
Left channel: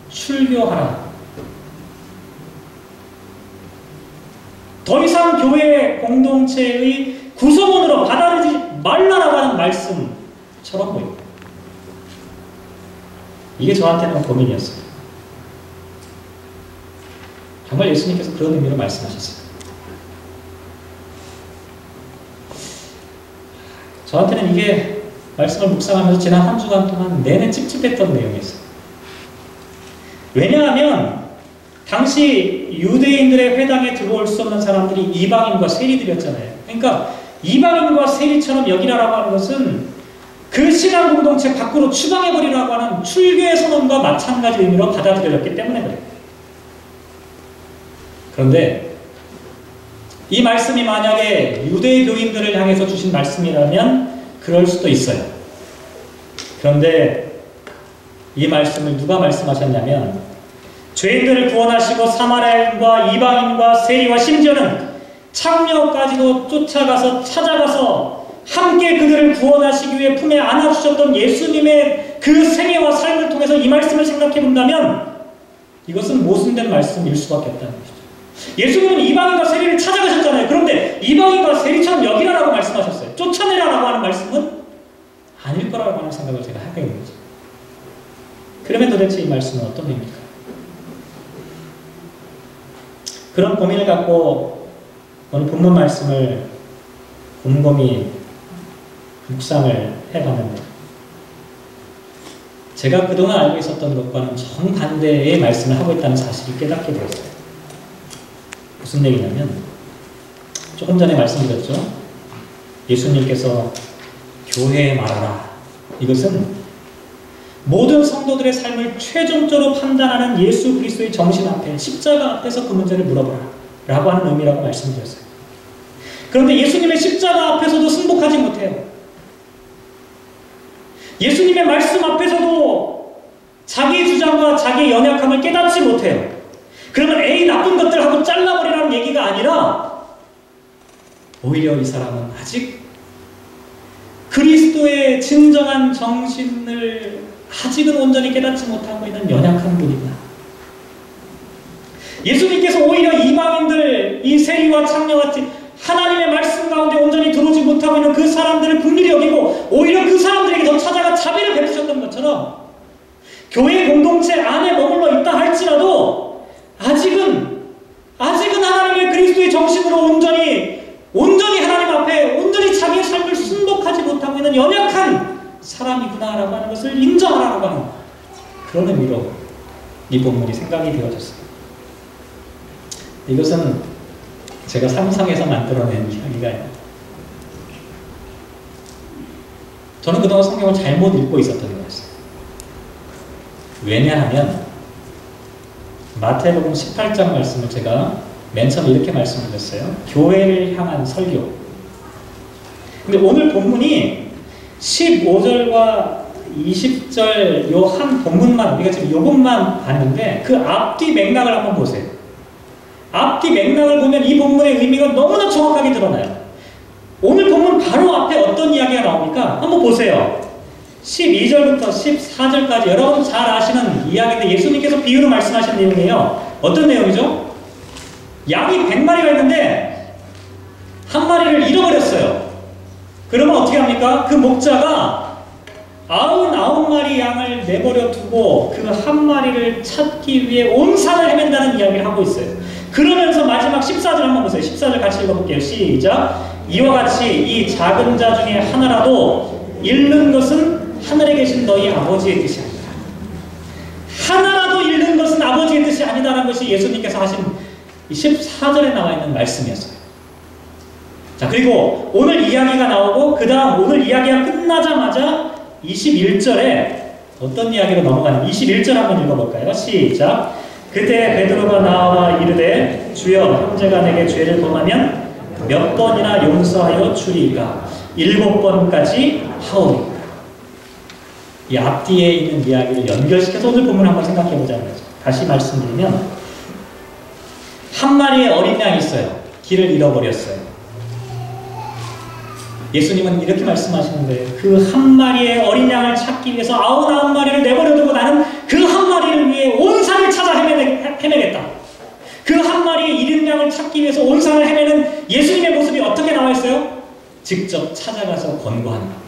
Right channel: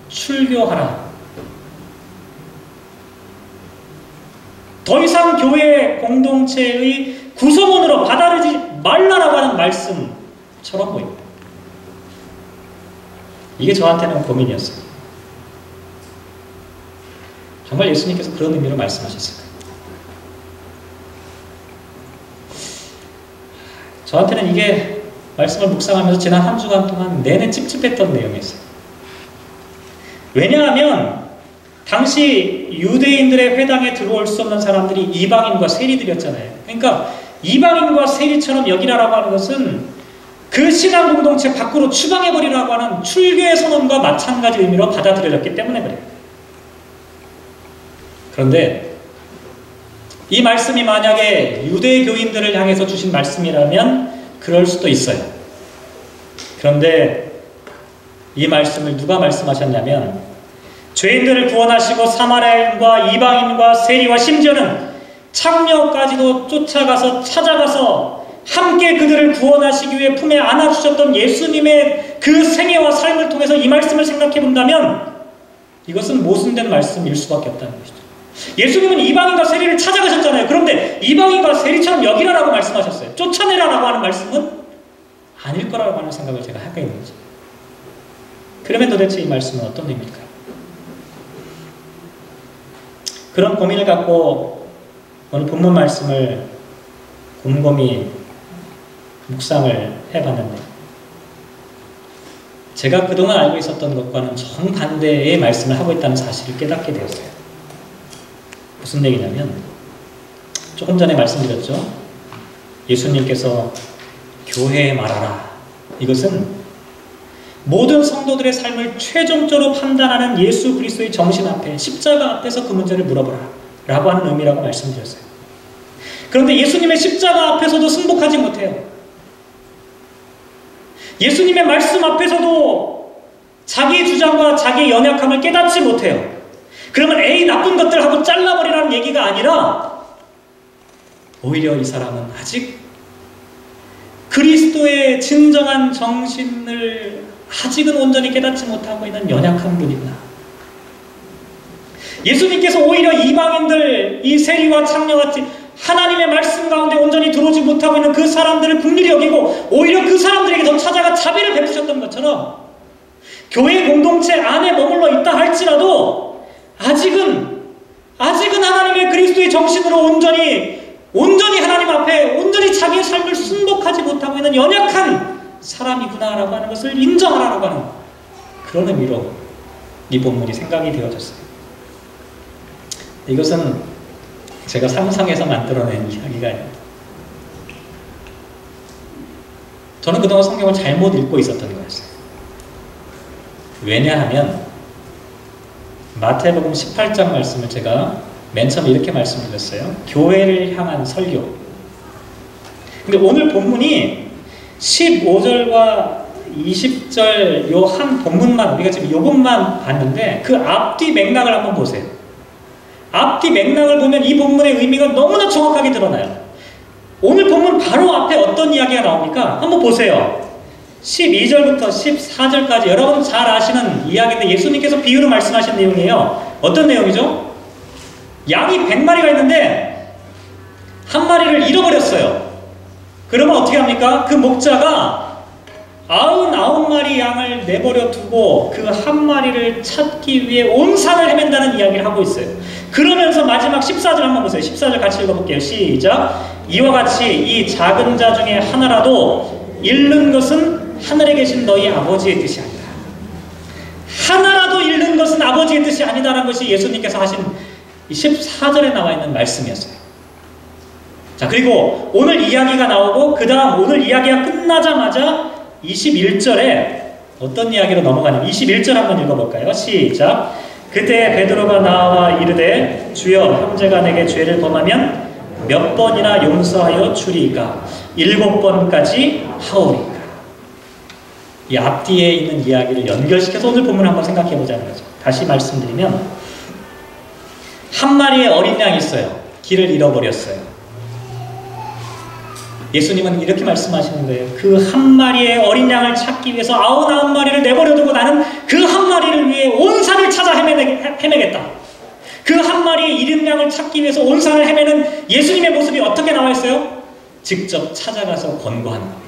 출교하라. 더 이상 교회 공동체의 구성원으로 받아들이지 말라라고 하는 말씀처럼 보입니다. 이게 저한테는 고민이었어요. 정말 예수님께서 그런 의미로 말씀하셨을까요? 저한테는 이게 말씀을 묵상하면서 지난 한 주간 동안 내내 찝찝했던 내용이었어요. 왜냐하면 당시 유대인들의 회당에 들어올 수 없는 사람들이 이방인과 세리들이었잖아요. 그러니까 이방인과 세리처럼 여기라라고 하는 것은 그 신앙 공동체 밖으로 추방해버리라고 하는 출교의 선언과 마찬가지 의미로 받아들여졌기 때문에 그래요. 그런데 이 말씀이 만약에 유대 교인들을 향해서 주신 말씀이라면 그럴 수도 있어요. 그런데 이 말씀을 누가 말씀하셨냐면 죄인들을 구원하시고 사마리아인과 이방인과 세리와 심지어는 창녀까지도 쫓아가서 찾아가서 함께 그들을 구원하시기 위해 품에 안아주셨던 예수님의 그 생애와 삶을 통해서 이 말씀을 생각해 본다면 이것은 모순된 말씀일 수밖에 없다는 것이죠. 예수님은 이방인과 세리를 찾아가셨잖아요. 그런데 이방인과 세리처럼 여기라라고 말씀하셨어요. 쫓아내라라고 하는 말씀은 아닐 거라고 하는 생각을 제가 하고 있는 거죠. 그러면 도대체 이 말씀은 어떤 의미일까요? 그런 고민을 갖고 오늘 본문 말씀을 곰곰이 묵상을 해봤는데 제가 그동안 알고 있었던 것과는 정반대의 말씀을 하고 있다는 사실을 깨닫게 되었어요. 무슨 얘기냐면 조금 전에 말씀드렸죠. 예수님께서 교회에 말하라. 이것은 모든 성도들의 삶을 최종적으로 판단하는 예수 그리스도의 정신 앞에 십자가 앞에서 그 문제를 물어보라 라고 하는 의미라고 말씀드렸어요. 그런데 예수님의 십자가 앞에서도 승복하지 못해요. 예수님의 말씀 앞에서도 자기의 주장과 자기의 연약함을 깨닫지 못해요. 그러면 에이 나쁜 것들 하고 잘라버리라는 얘기가 아니라 오히려 이 사람은 아직 그리스도의 진정한 정신을 아직은 온전히 깨닫지 못하고 있는 연약한 분이구나. 예수님께서 오히려 이방인들, 이 세리와 창녀같이 하나님의 말씀 가운데 온전히 들어오지 못하고 있는 그 사람들을 긍휼히 여기고 오히려 그 사람들에게 더 찾아가 자비를 베푸셨던 것처럼 교회 공동체 안에 머물러 있다 할지라도 아직은 하나님의 그리스도의 정신으로 온전히 하나님 앞에 온전히 자기의 삶을 순복하지 못하고 있는 연약한 사람이구나라고 하는 것을 인정하라고 하는 그런 의미로 이 본문이 생각이 되어졌어요. 이것은 제가 상상해서 만들어낸 이야기가 아니에요. 저는 그동안 성경을 잘못 읽고 있었던 거였어요. 왜냐하면 마태복음 18장 말씀을 제가 맨 처음에 이렇게 말씀드렸어요. 교회를 향한 설교. 근데 오늘 본문이 15절과 20절 요 한 본문만, 우리가 지금 요것만 봤는데 그 앞뒤 맥락을 한번 보세요. 앞뒤 맥락을 보면 이 본문의 의미가 너무나 정확하게 드러나요. 오늘 본문 바로 앞에 어떤 이야기가 나옵니까? 한번 보세요. 12절부터 14절까지 여러분 잘 아시는 이야기인데 예수님께서 비유로 말씀하신 내용이에요. 어떤 내용이죠? 양이 100마리가 있는데 한 마리를 잃어버렸어요. 그러면 어떻게 합니까? 그 목자가 99마리 양을 내버려 두고 그 한 마리를 찾기 위해 온 산을 헤맨다는 이야기를 하고 있어요. 그러면서 마지막 14절 한번 보세요. 14절 같이 읽어볼게요. 시작. 이와 같이 이 작은 자 중에 하나라도 잃는 것은 하늘에 계신 너희 아버지의 뜻이 아니다. 하나라도 잃는 것은 아버지의 뜻이 아니다라는 것이 예수님께서 하신 14절에 나와 있는 말씀이었어요. 자, 그리고 오늘 이야기가 나오고 그 다음 오늘 이야기가 끝나자마자 21절에 어떤 이야기로 넘어가냐면 21절 한번 읽어볼까요? 시작. 그때 베드로가 나와 이르되 주여 형제가 내게 죄를 범하면 몇 번이나 용서하여 주리이까? 7번까지 하오리이까? 이 앞뒤에 있는 이야기를 연결시켜서 오늘 본문을 한번 생각해 보자는 거죠. 다시 말씀드리면 한 마리의 어린 양이 있어요. 길을 잃어버렸어요. 예수님은 이렇게 말씀하시는 거예요. 그 한 마리의 어린 양을 찾기 위해서 99마리를 내버려두고 나는 그 한 마리를 위해 온 산을 찾아 헤매겠다. 그 한 마리의 잃은 양을 찾기 위해서 온 산을 헤매는 예수님의 모습이 어떻게 나와 있어요? 직접 찾아가서 권고하는 겁니다.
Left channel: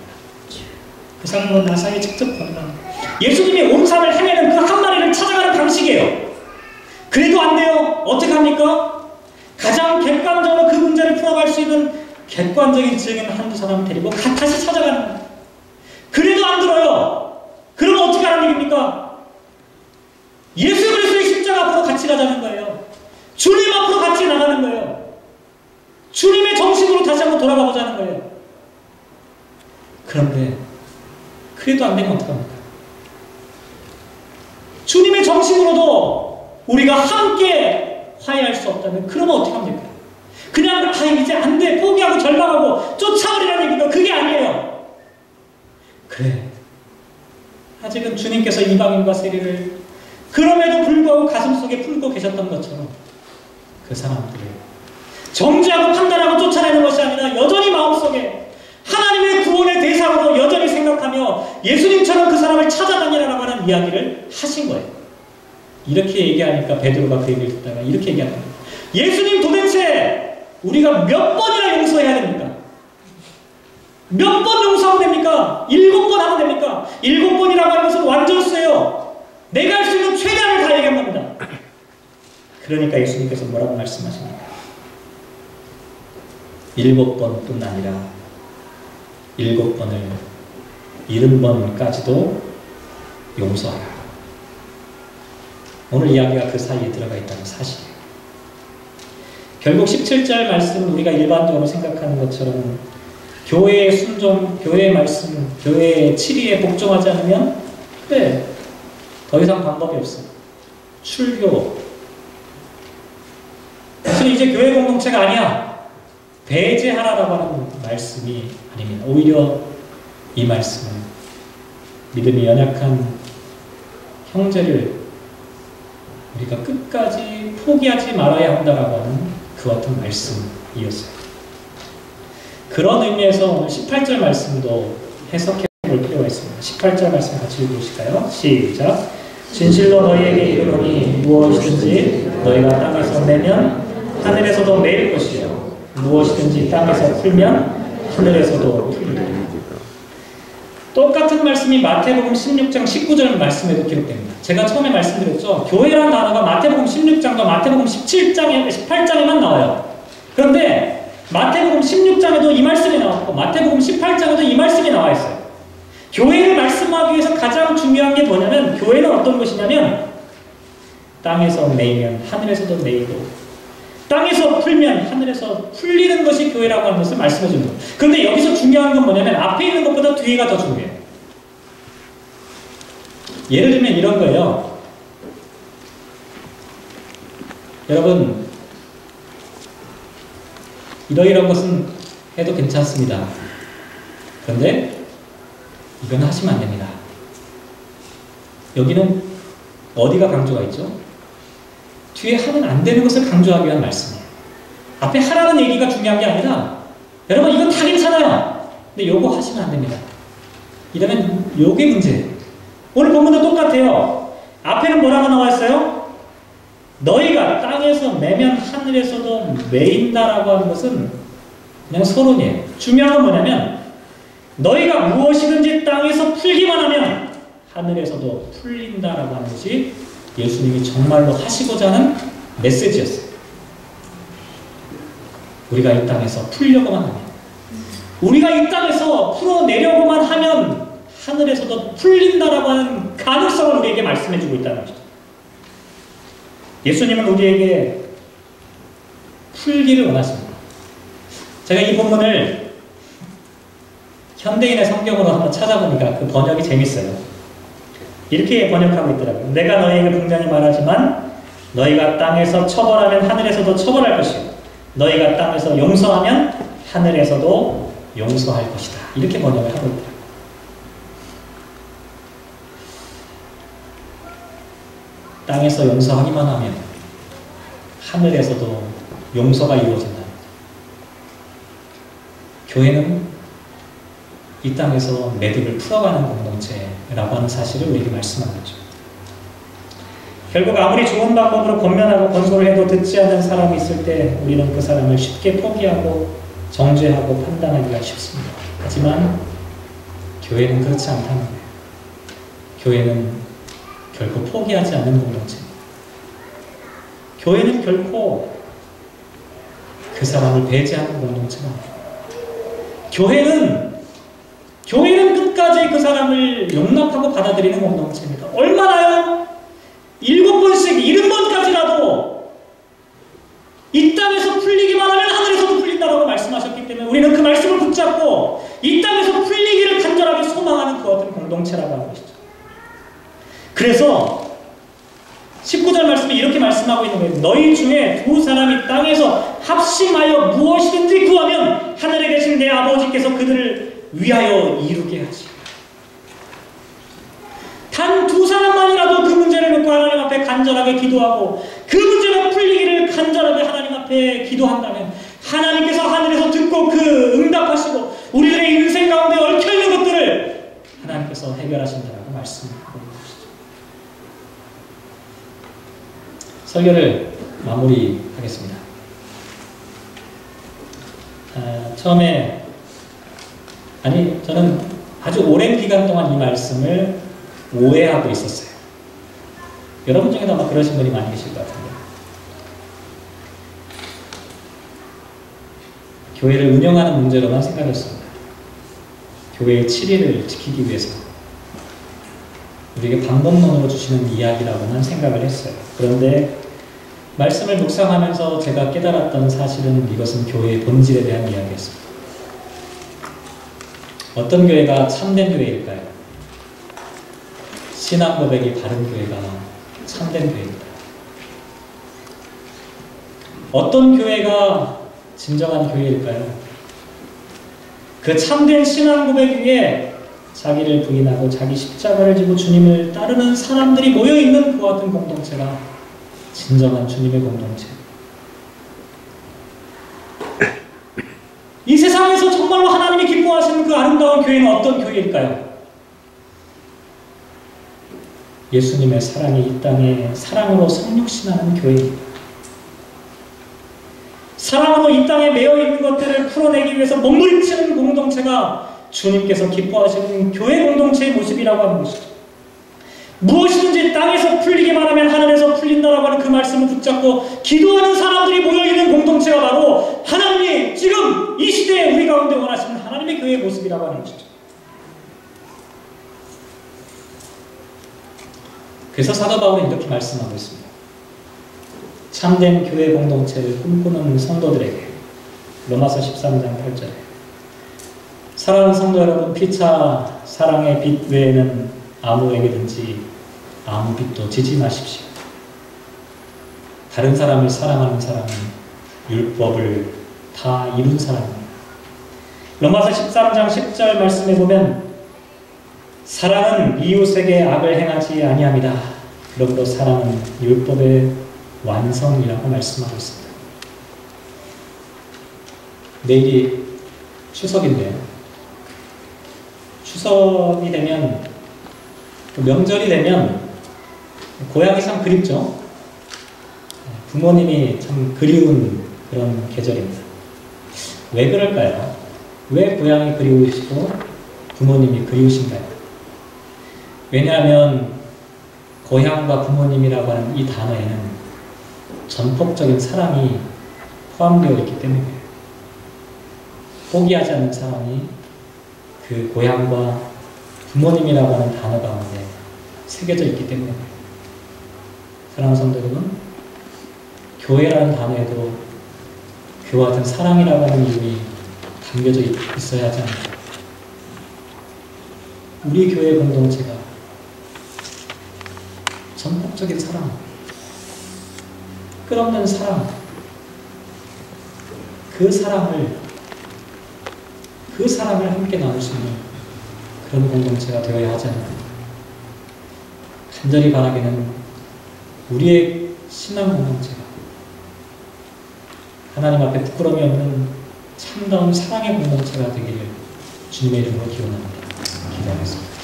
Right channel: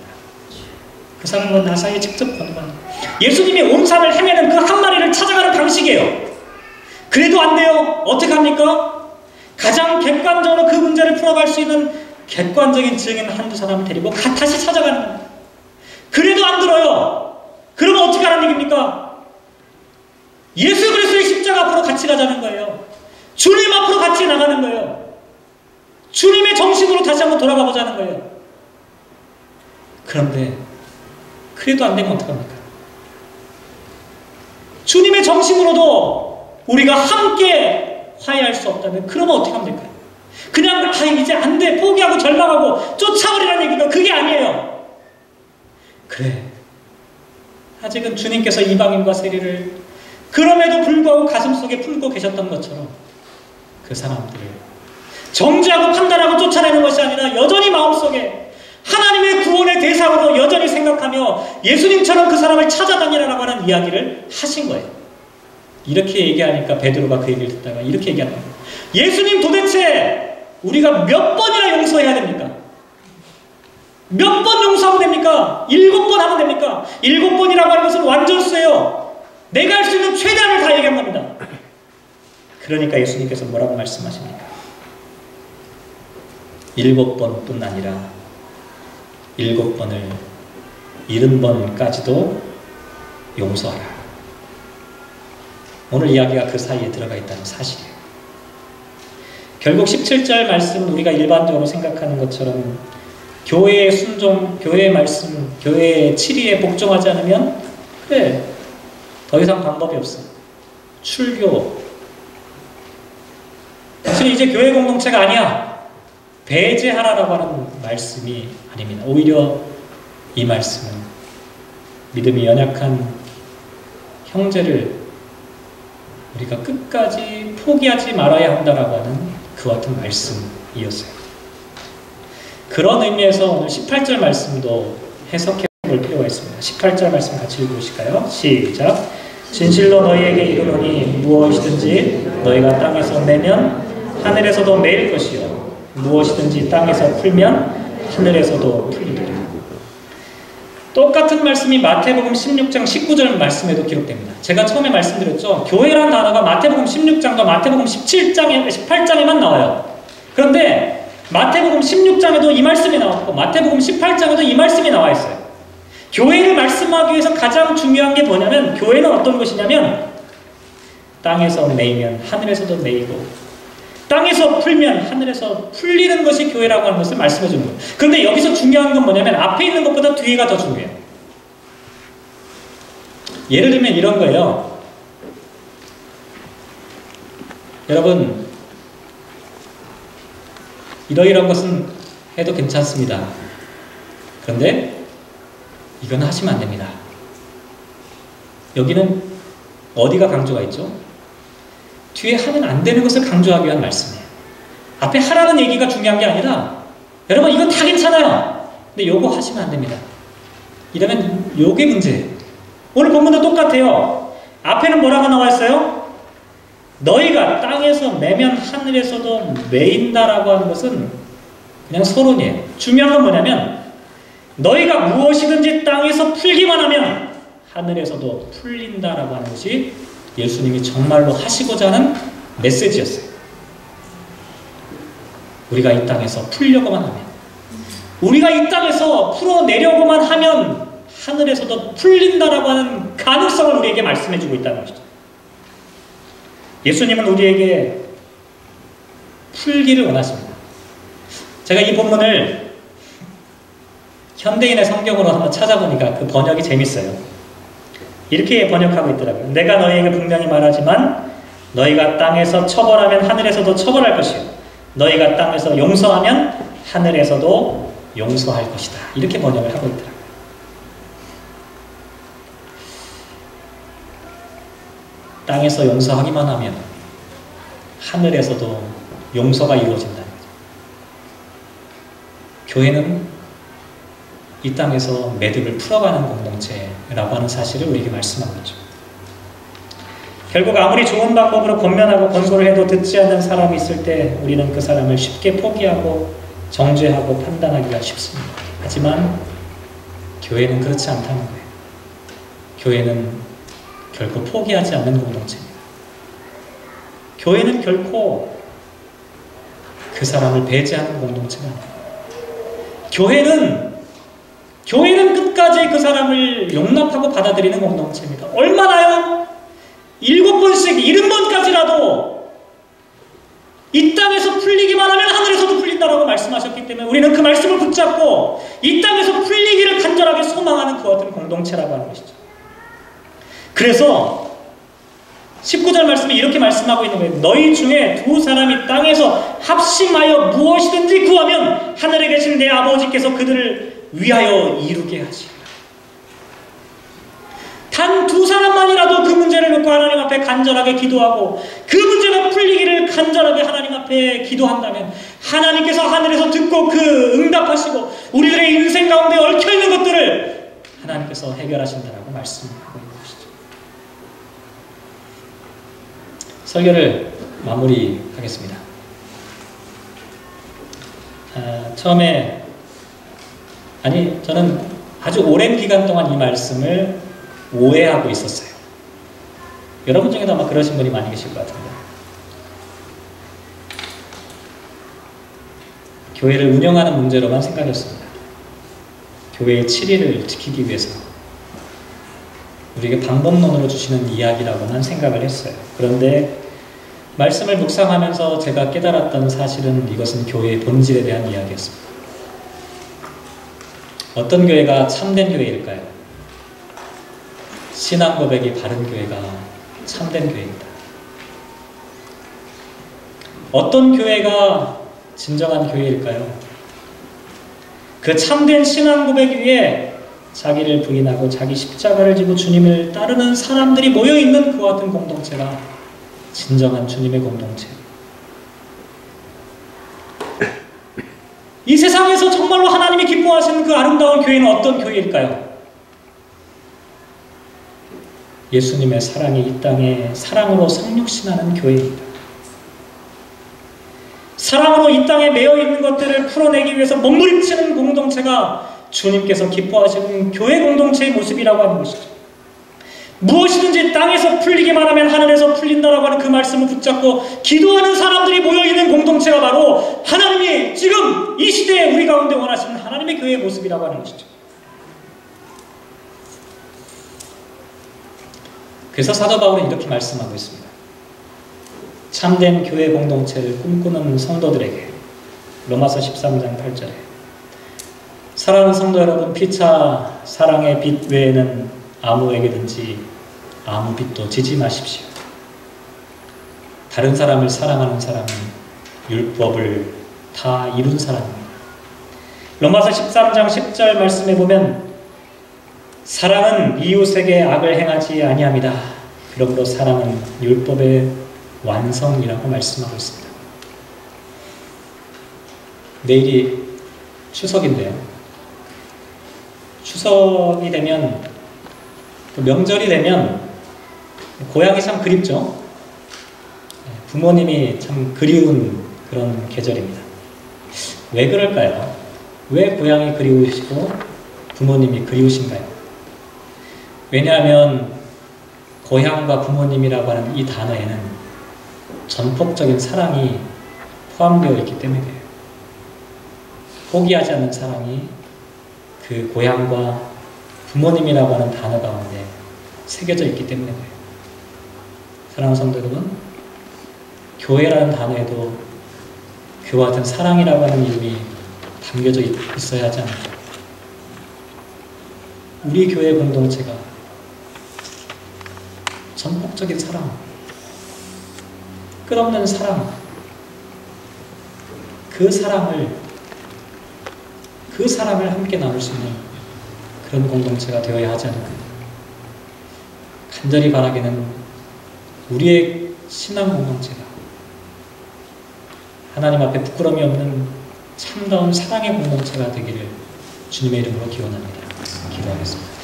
그 사람은 나사에 직접 권고하는 겁니다. 예수님이 온 산을 헤매는 그 한 마리를 찾아가는 방식이에요. 그래도 안 돼요. 어떻게 합니까? 가장 객관적으로 그 문제를 풀어갈 수 있는 객관적인 증인 한두 사람을 데리고 다시 찾아가는 겁니다. 그래도 안 들어요. 그러면 어떻게 하는 얘기입니까? 예수 그리스도의 십자가 앞으로 같이 가자는 거예요. 주님 앞으로 같이 나가는 거예요. 주님의 정신으로 다시 한번 돌아가 보자는 거예요. 그런데 그래도 안 되면 어떡합니까? 주님의 정신으로도 우리가 함께 화해할 수 없다면 그러면 어떻게 하면 될까요? 그냥 이제 안 돼 포기하고 절망하고 쫓아버리라는 얘기가 그게 아니에요. 그래, 아직은 주님께서 이방인과 세리를 그럼에도 불구하고 가슴속에 품고 계셨던 것처럼 그 사람들을 정죄하고 판단하고 쫓아내는 것이 아니라 여전히 마음속에 하나님의 구원의 대상으로 여전히 생각하며 예수님처럼 그 사람을 찾아다니라고 하는 이야기를 하신 거예요. 이렇게 얘기하니까 베드로가 그 얘기를 듣다가 이렇게 얘기하는 거예요. 예수님 도대체 우리가 몇 번이나 용서해야 됩니까? 몇 번 용서하면 됩니까? 7번 하면 됩니까? 7번이라고 하는 것은 완전수예요. 내가 할 수 있는 최대한을 다 얘기한 겁니다. 그러니까 예수님께서 뭐라고 말씀하십니까? 7번뿐 아니라 7번을 70번까지도 용서하라. 오늘 이야기가 그 사이에 들어가 있다는 사실이에요. 결국 17절 말씀은 우리가 일반적으로 생각하는 것처럼 교회의 순종, 교회의 말씀, 교회의 치리에 복종하지 않으면 그래, 더 이상 방법이 없어. 출교. 사실 이제 교회 공동체가 아니야. 배제하라라고 하는 말씀이 아닙니다. 오히려 이 말씀은 믿음이 연약한 형제를 우리가 끝까지 포기하지 말아야 한다라고 하는 그 같은 말씀이었어요. 그런 의미에서 오늘 18절 말씀도 해석해 볼 필요가 있습니다. 18절 말씀 같이 읽으실까요? 시작. 진실로 너희에게 이르노니 무엇이든지 너희가 땅에서 매면 하늘에서도 매일 것이요 무엇이든지 땅에서 풀면 하늘에서도 풀리리라. 똑같은 말씀이 마태복음 16장 19절 말씀에도 기록됩니다. 제가 처음에 말씀드렸죠. 교회라는 단어가 마태복음 16장과 마태복음 18장에만 나와요. 그런데 마태복음 16장에도 이 말씀이 나왔고 마태복음 18장에도 이 말씀이 나와 있어요. 교회를 말씀하기 위해서 가장 중요한 게 뭐냐면, 교회는 어떤 것이냐면 땅에서 매이면 하늘에서도 매이고 땅에서 풀면 하늘에서 풀리는 것이 교회라고 하는 것을 말씀해 준 거예요. 그런데 여기서 중요한 건 뭐냐면 앞에 있는 것보다 뒤에가 더 중요해요. 예를 들면 이런 거예요. 여러분, 이러이러한 것은 해도 괜찮습니다. 그런데 이건 하시면 안 됩니다. 여기는 어디가 강조가 있죠? 뒤에 하면 안 되는 것을 강조하기 위한 말씀이에요. 앞에 하라는 얘기가 중요한 게 아니라, 여러분 이건 다 괜찮아요. 근데 요거 하시면 안 됩니다. 이러면 요게 문제예요. 오늘 본문도 똑같아요. 앞에는 뭐라고 나와 있어요? 너희가 땅에서 매면 하늘에서도 매인다라고 하는 것은 그냥 서론이에요. 중요한 건 뭐냐면, 너희가 무엇이든지 땅에서 풀기만 하면 하늘에서도 풀린다라고 하는 것이 예수님이 정말로 하시고자 하는 메시지였어요. 우리가 이 땅에서 풀려고만 하면, 우리가 이 땅에서 풀어내려고만 하면 하늘에서도 풀린다라고 하는 가능성을 우리에게 말씀해주고 있다는 것이죠. 예수님은 우리에게 풀기를 원하십니다. 제가 이 본문을 현대인의 성경으로 한번 찾아보니까 그 번역이 재밌어요. 이렇게 번역하고 있더라고요. 내가 너희에게 분명히 말하지만 너희가 땅에서 처벌하면 하늘에서도 처벌할 것이요 너희가 땅에서 용서하면 하늘에서도 용서할 것이다. 이렇게 번역을 하고 있더라고요. 땅에서 용서하기만 하면 하늘에서도 용서가 이루어진다는 거죠. 교회는 이 땅에서 매듭을 풀어가는 공동체라고 하는 사실을 우리에게 말씀하고 있죠. 결국 아무리 좋은 방법으로 권면하고 권고를 해도 듣지 않는 사람이 있을 때 우리는 그 사람을 쉽게 포기하고 정죄하고 판단하기가 쉽습니다. 하지만 교회는 그렇지 않다는 거예요. 교회는 결코 포기하지 않는 공동체입니다. 교회는 결코 그 사람을 배제하는 공동체가 아니에요. 교회는 끝까지 그 사람을 용납하고 받아들이는 공동체입니다. 얼마나요? 7번씩 70번까지라도 이 땅에서 풀리기만 하면 하늘에서도 풀린다라고 말씀하셨기 때문에 우리는 그 말씀을 붙잡고 이 땅에서 풀리기를 간절하게 소망하는 그 어떤 공동체라고 하는 것이죠. 그래서 19절 말씀에 이렇게 말씀하고 있는 거예요. 너희 중에 두 사람이 땅에서 합심하여 무엇이든지 구하면 하늘에 계신 내 아버지께서 그들을 위하여 이루게 하시리라. 단 두 사람만이라도 그 문제를 놓고 하나님 앞에 간절하게 기도하고 그 문제가 풀리기를 간절하게 하나님 앞에 기도한다면 하나님께서 하늘에서 듣고 그 응답하시고 우리들의 인생 가운데 얽혀있는 것들을 하나님께서 해결하신다라고 말씀하고 있는 것이죠. 설교를 마무리하겠습니다. 저는 아주 오랜 기간 동안 이 말씀을 오해하고 있었어요. 여러분 중에도 아마 그러신 분이 많이 계실 것 같은데, 교회를 운영하는 문제로만 생각했습니다. 교회의 7일을 지키기 위해서 우리에게 방법론으로 주시는 이야기라고만 생각을 했어요. 그런데 말씀을 묵상하면서 제가 깨달았던 사실은 이것은 교회의 본질에 대한 이야기였습니다. 어떤 교회가 참된 교회일까요? 신앙 고백이 바른 교회가 참된 교회입니다. 어떤 교회가 진정한 교회일까요? 그 참된 신앙 고백 위에 자기를 부인하고 자기 십자가를 지고 주님을 따르는 사람들이 모여있는 그와 같은 공동체가 진정한 주님의 공동체. 이 세상에서 정말로 하나님이 기뻐하시는 그 아름다운 교회는 어떤 교회일까요? 예수님의 사랑이 이 땅에 사랑으로 성육신하는 교회입니다. 사랑으로 사랑으로 이 땅에 매여 있는 것들을 풀어내기 위해서 몸부림치는 공동체가 주님께서 기뻐하시는 교회 공동체의 모습이라고 하는 것이죠. 무엇이든지 땅에서 풀리기만 하면 하늘에서 풀린다라고 하는 그 말씀을 붙잡고 기도하는 사람들이 모여있는 공동체가 바로 하나님이 지금 이 시대에 우리 가운데 원하시는 하나님의 교회의 모습이라고 하는 것이죠. 그래서 사도 바울은 이렇게 말씀하고 있습니다. 참된 교회 공동체를 꿈꾸는 성도들에게 로마서 13장 8절에 사랑하는 성도 여러분, 피차 사랑의 빛 외에는 아무에게든지 아무 빛도 지지 마십시오. 다른 사람을 사랑하는 사람은 율법을 다 이룬 사람입니다. 로마서 13장 10절 말씀에 보면 사랑은 이웃에게 악을 행하지 아니함이다. 그러므로 사랑은 율법의 완성이라고 말씀하고 있습니다. 내일이 추석인데요. 추석이 되면, 명절이 되면 고향이 참 그립죠. 부모님이 참 그리운 그런 계절입니다. 왜 그럴까요? 왜 고향이 그리우시고 부모님이 그리우신가요? 왜냐하면 고향과 부모님이라고 하는 이 단어에는 전폭적인 사랑이 포함되어 있기 때문에 그래요. 포기하지 않는 사랑이 그 고향과 부모님이라고 하는 단어 가운데 새겨져 있기 때문에 그래요. 사랑하는 성도 여러분, 교회라는 단어에도 그와 같은 사랑이라고 하는 이름이 담겨져 있어야 하지 않을까. 우리 교회 공동체가 전폭적인 사랑, 끝없는 사랑, 그 사랑을 함께 나눌 수 있는 그런 공동체가 되어야 하지 않을까. 간절히 바라기는 우리의 신앙 공동체가 하나님 앞에 부끄러움이 없는 참다운 사랑의 공동체가 되기를 주님의 이름으로 기원합니다. 기도하겠습니다.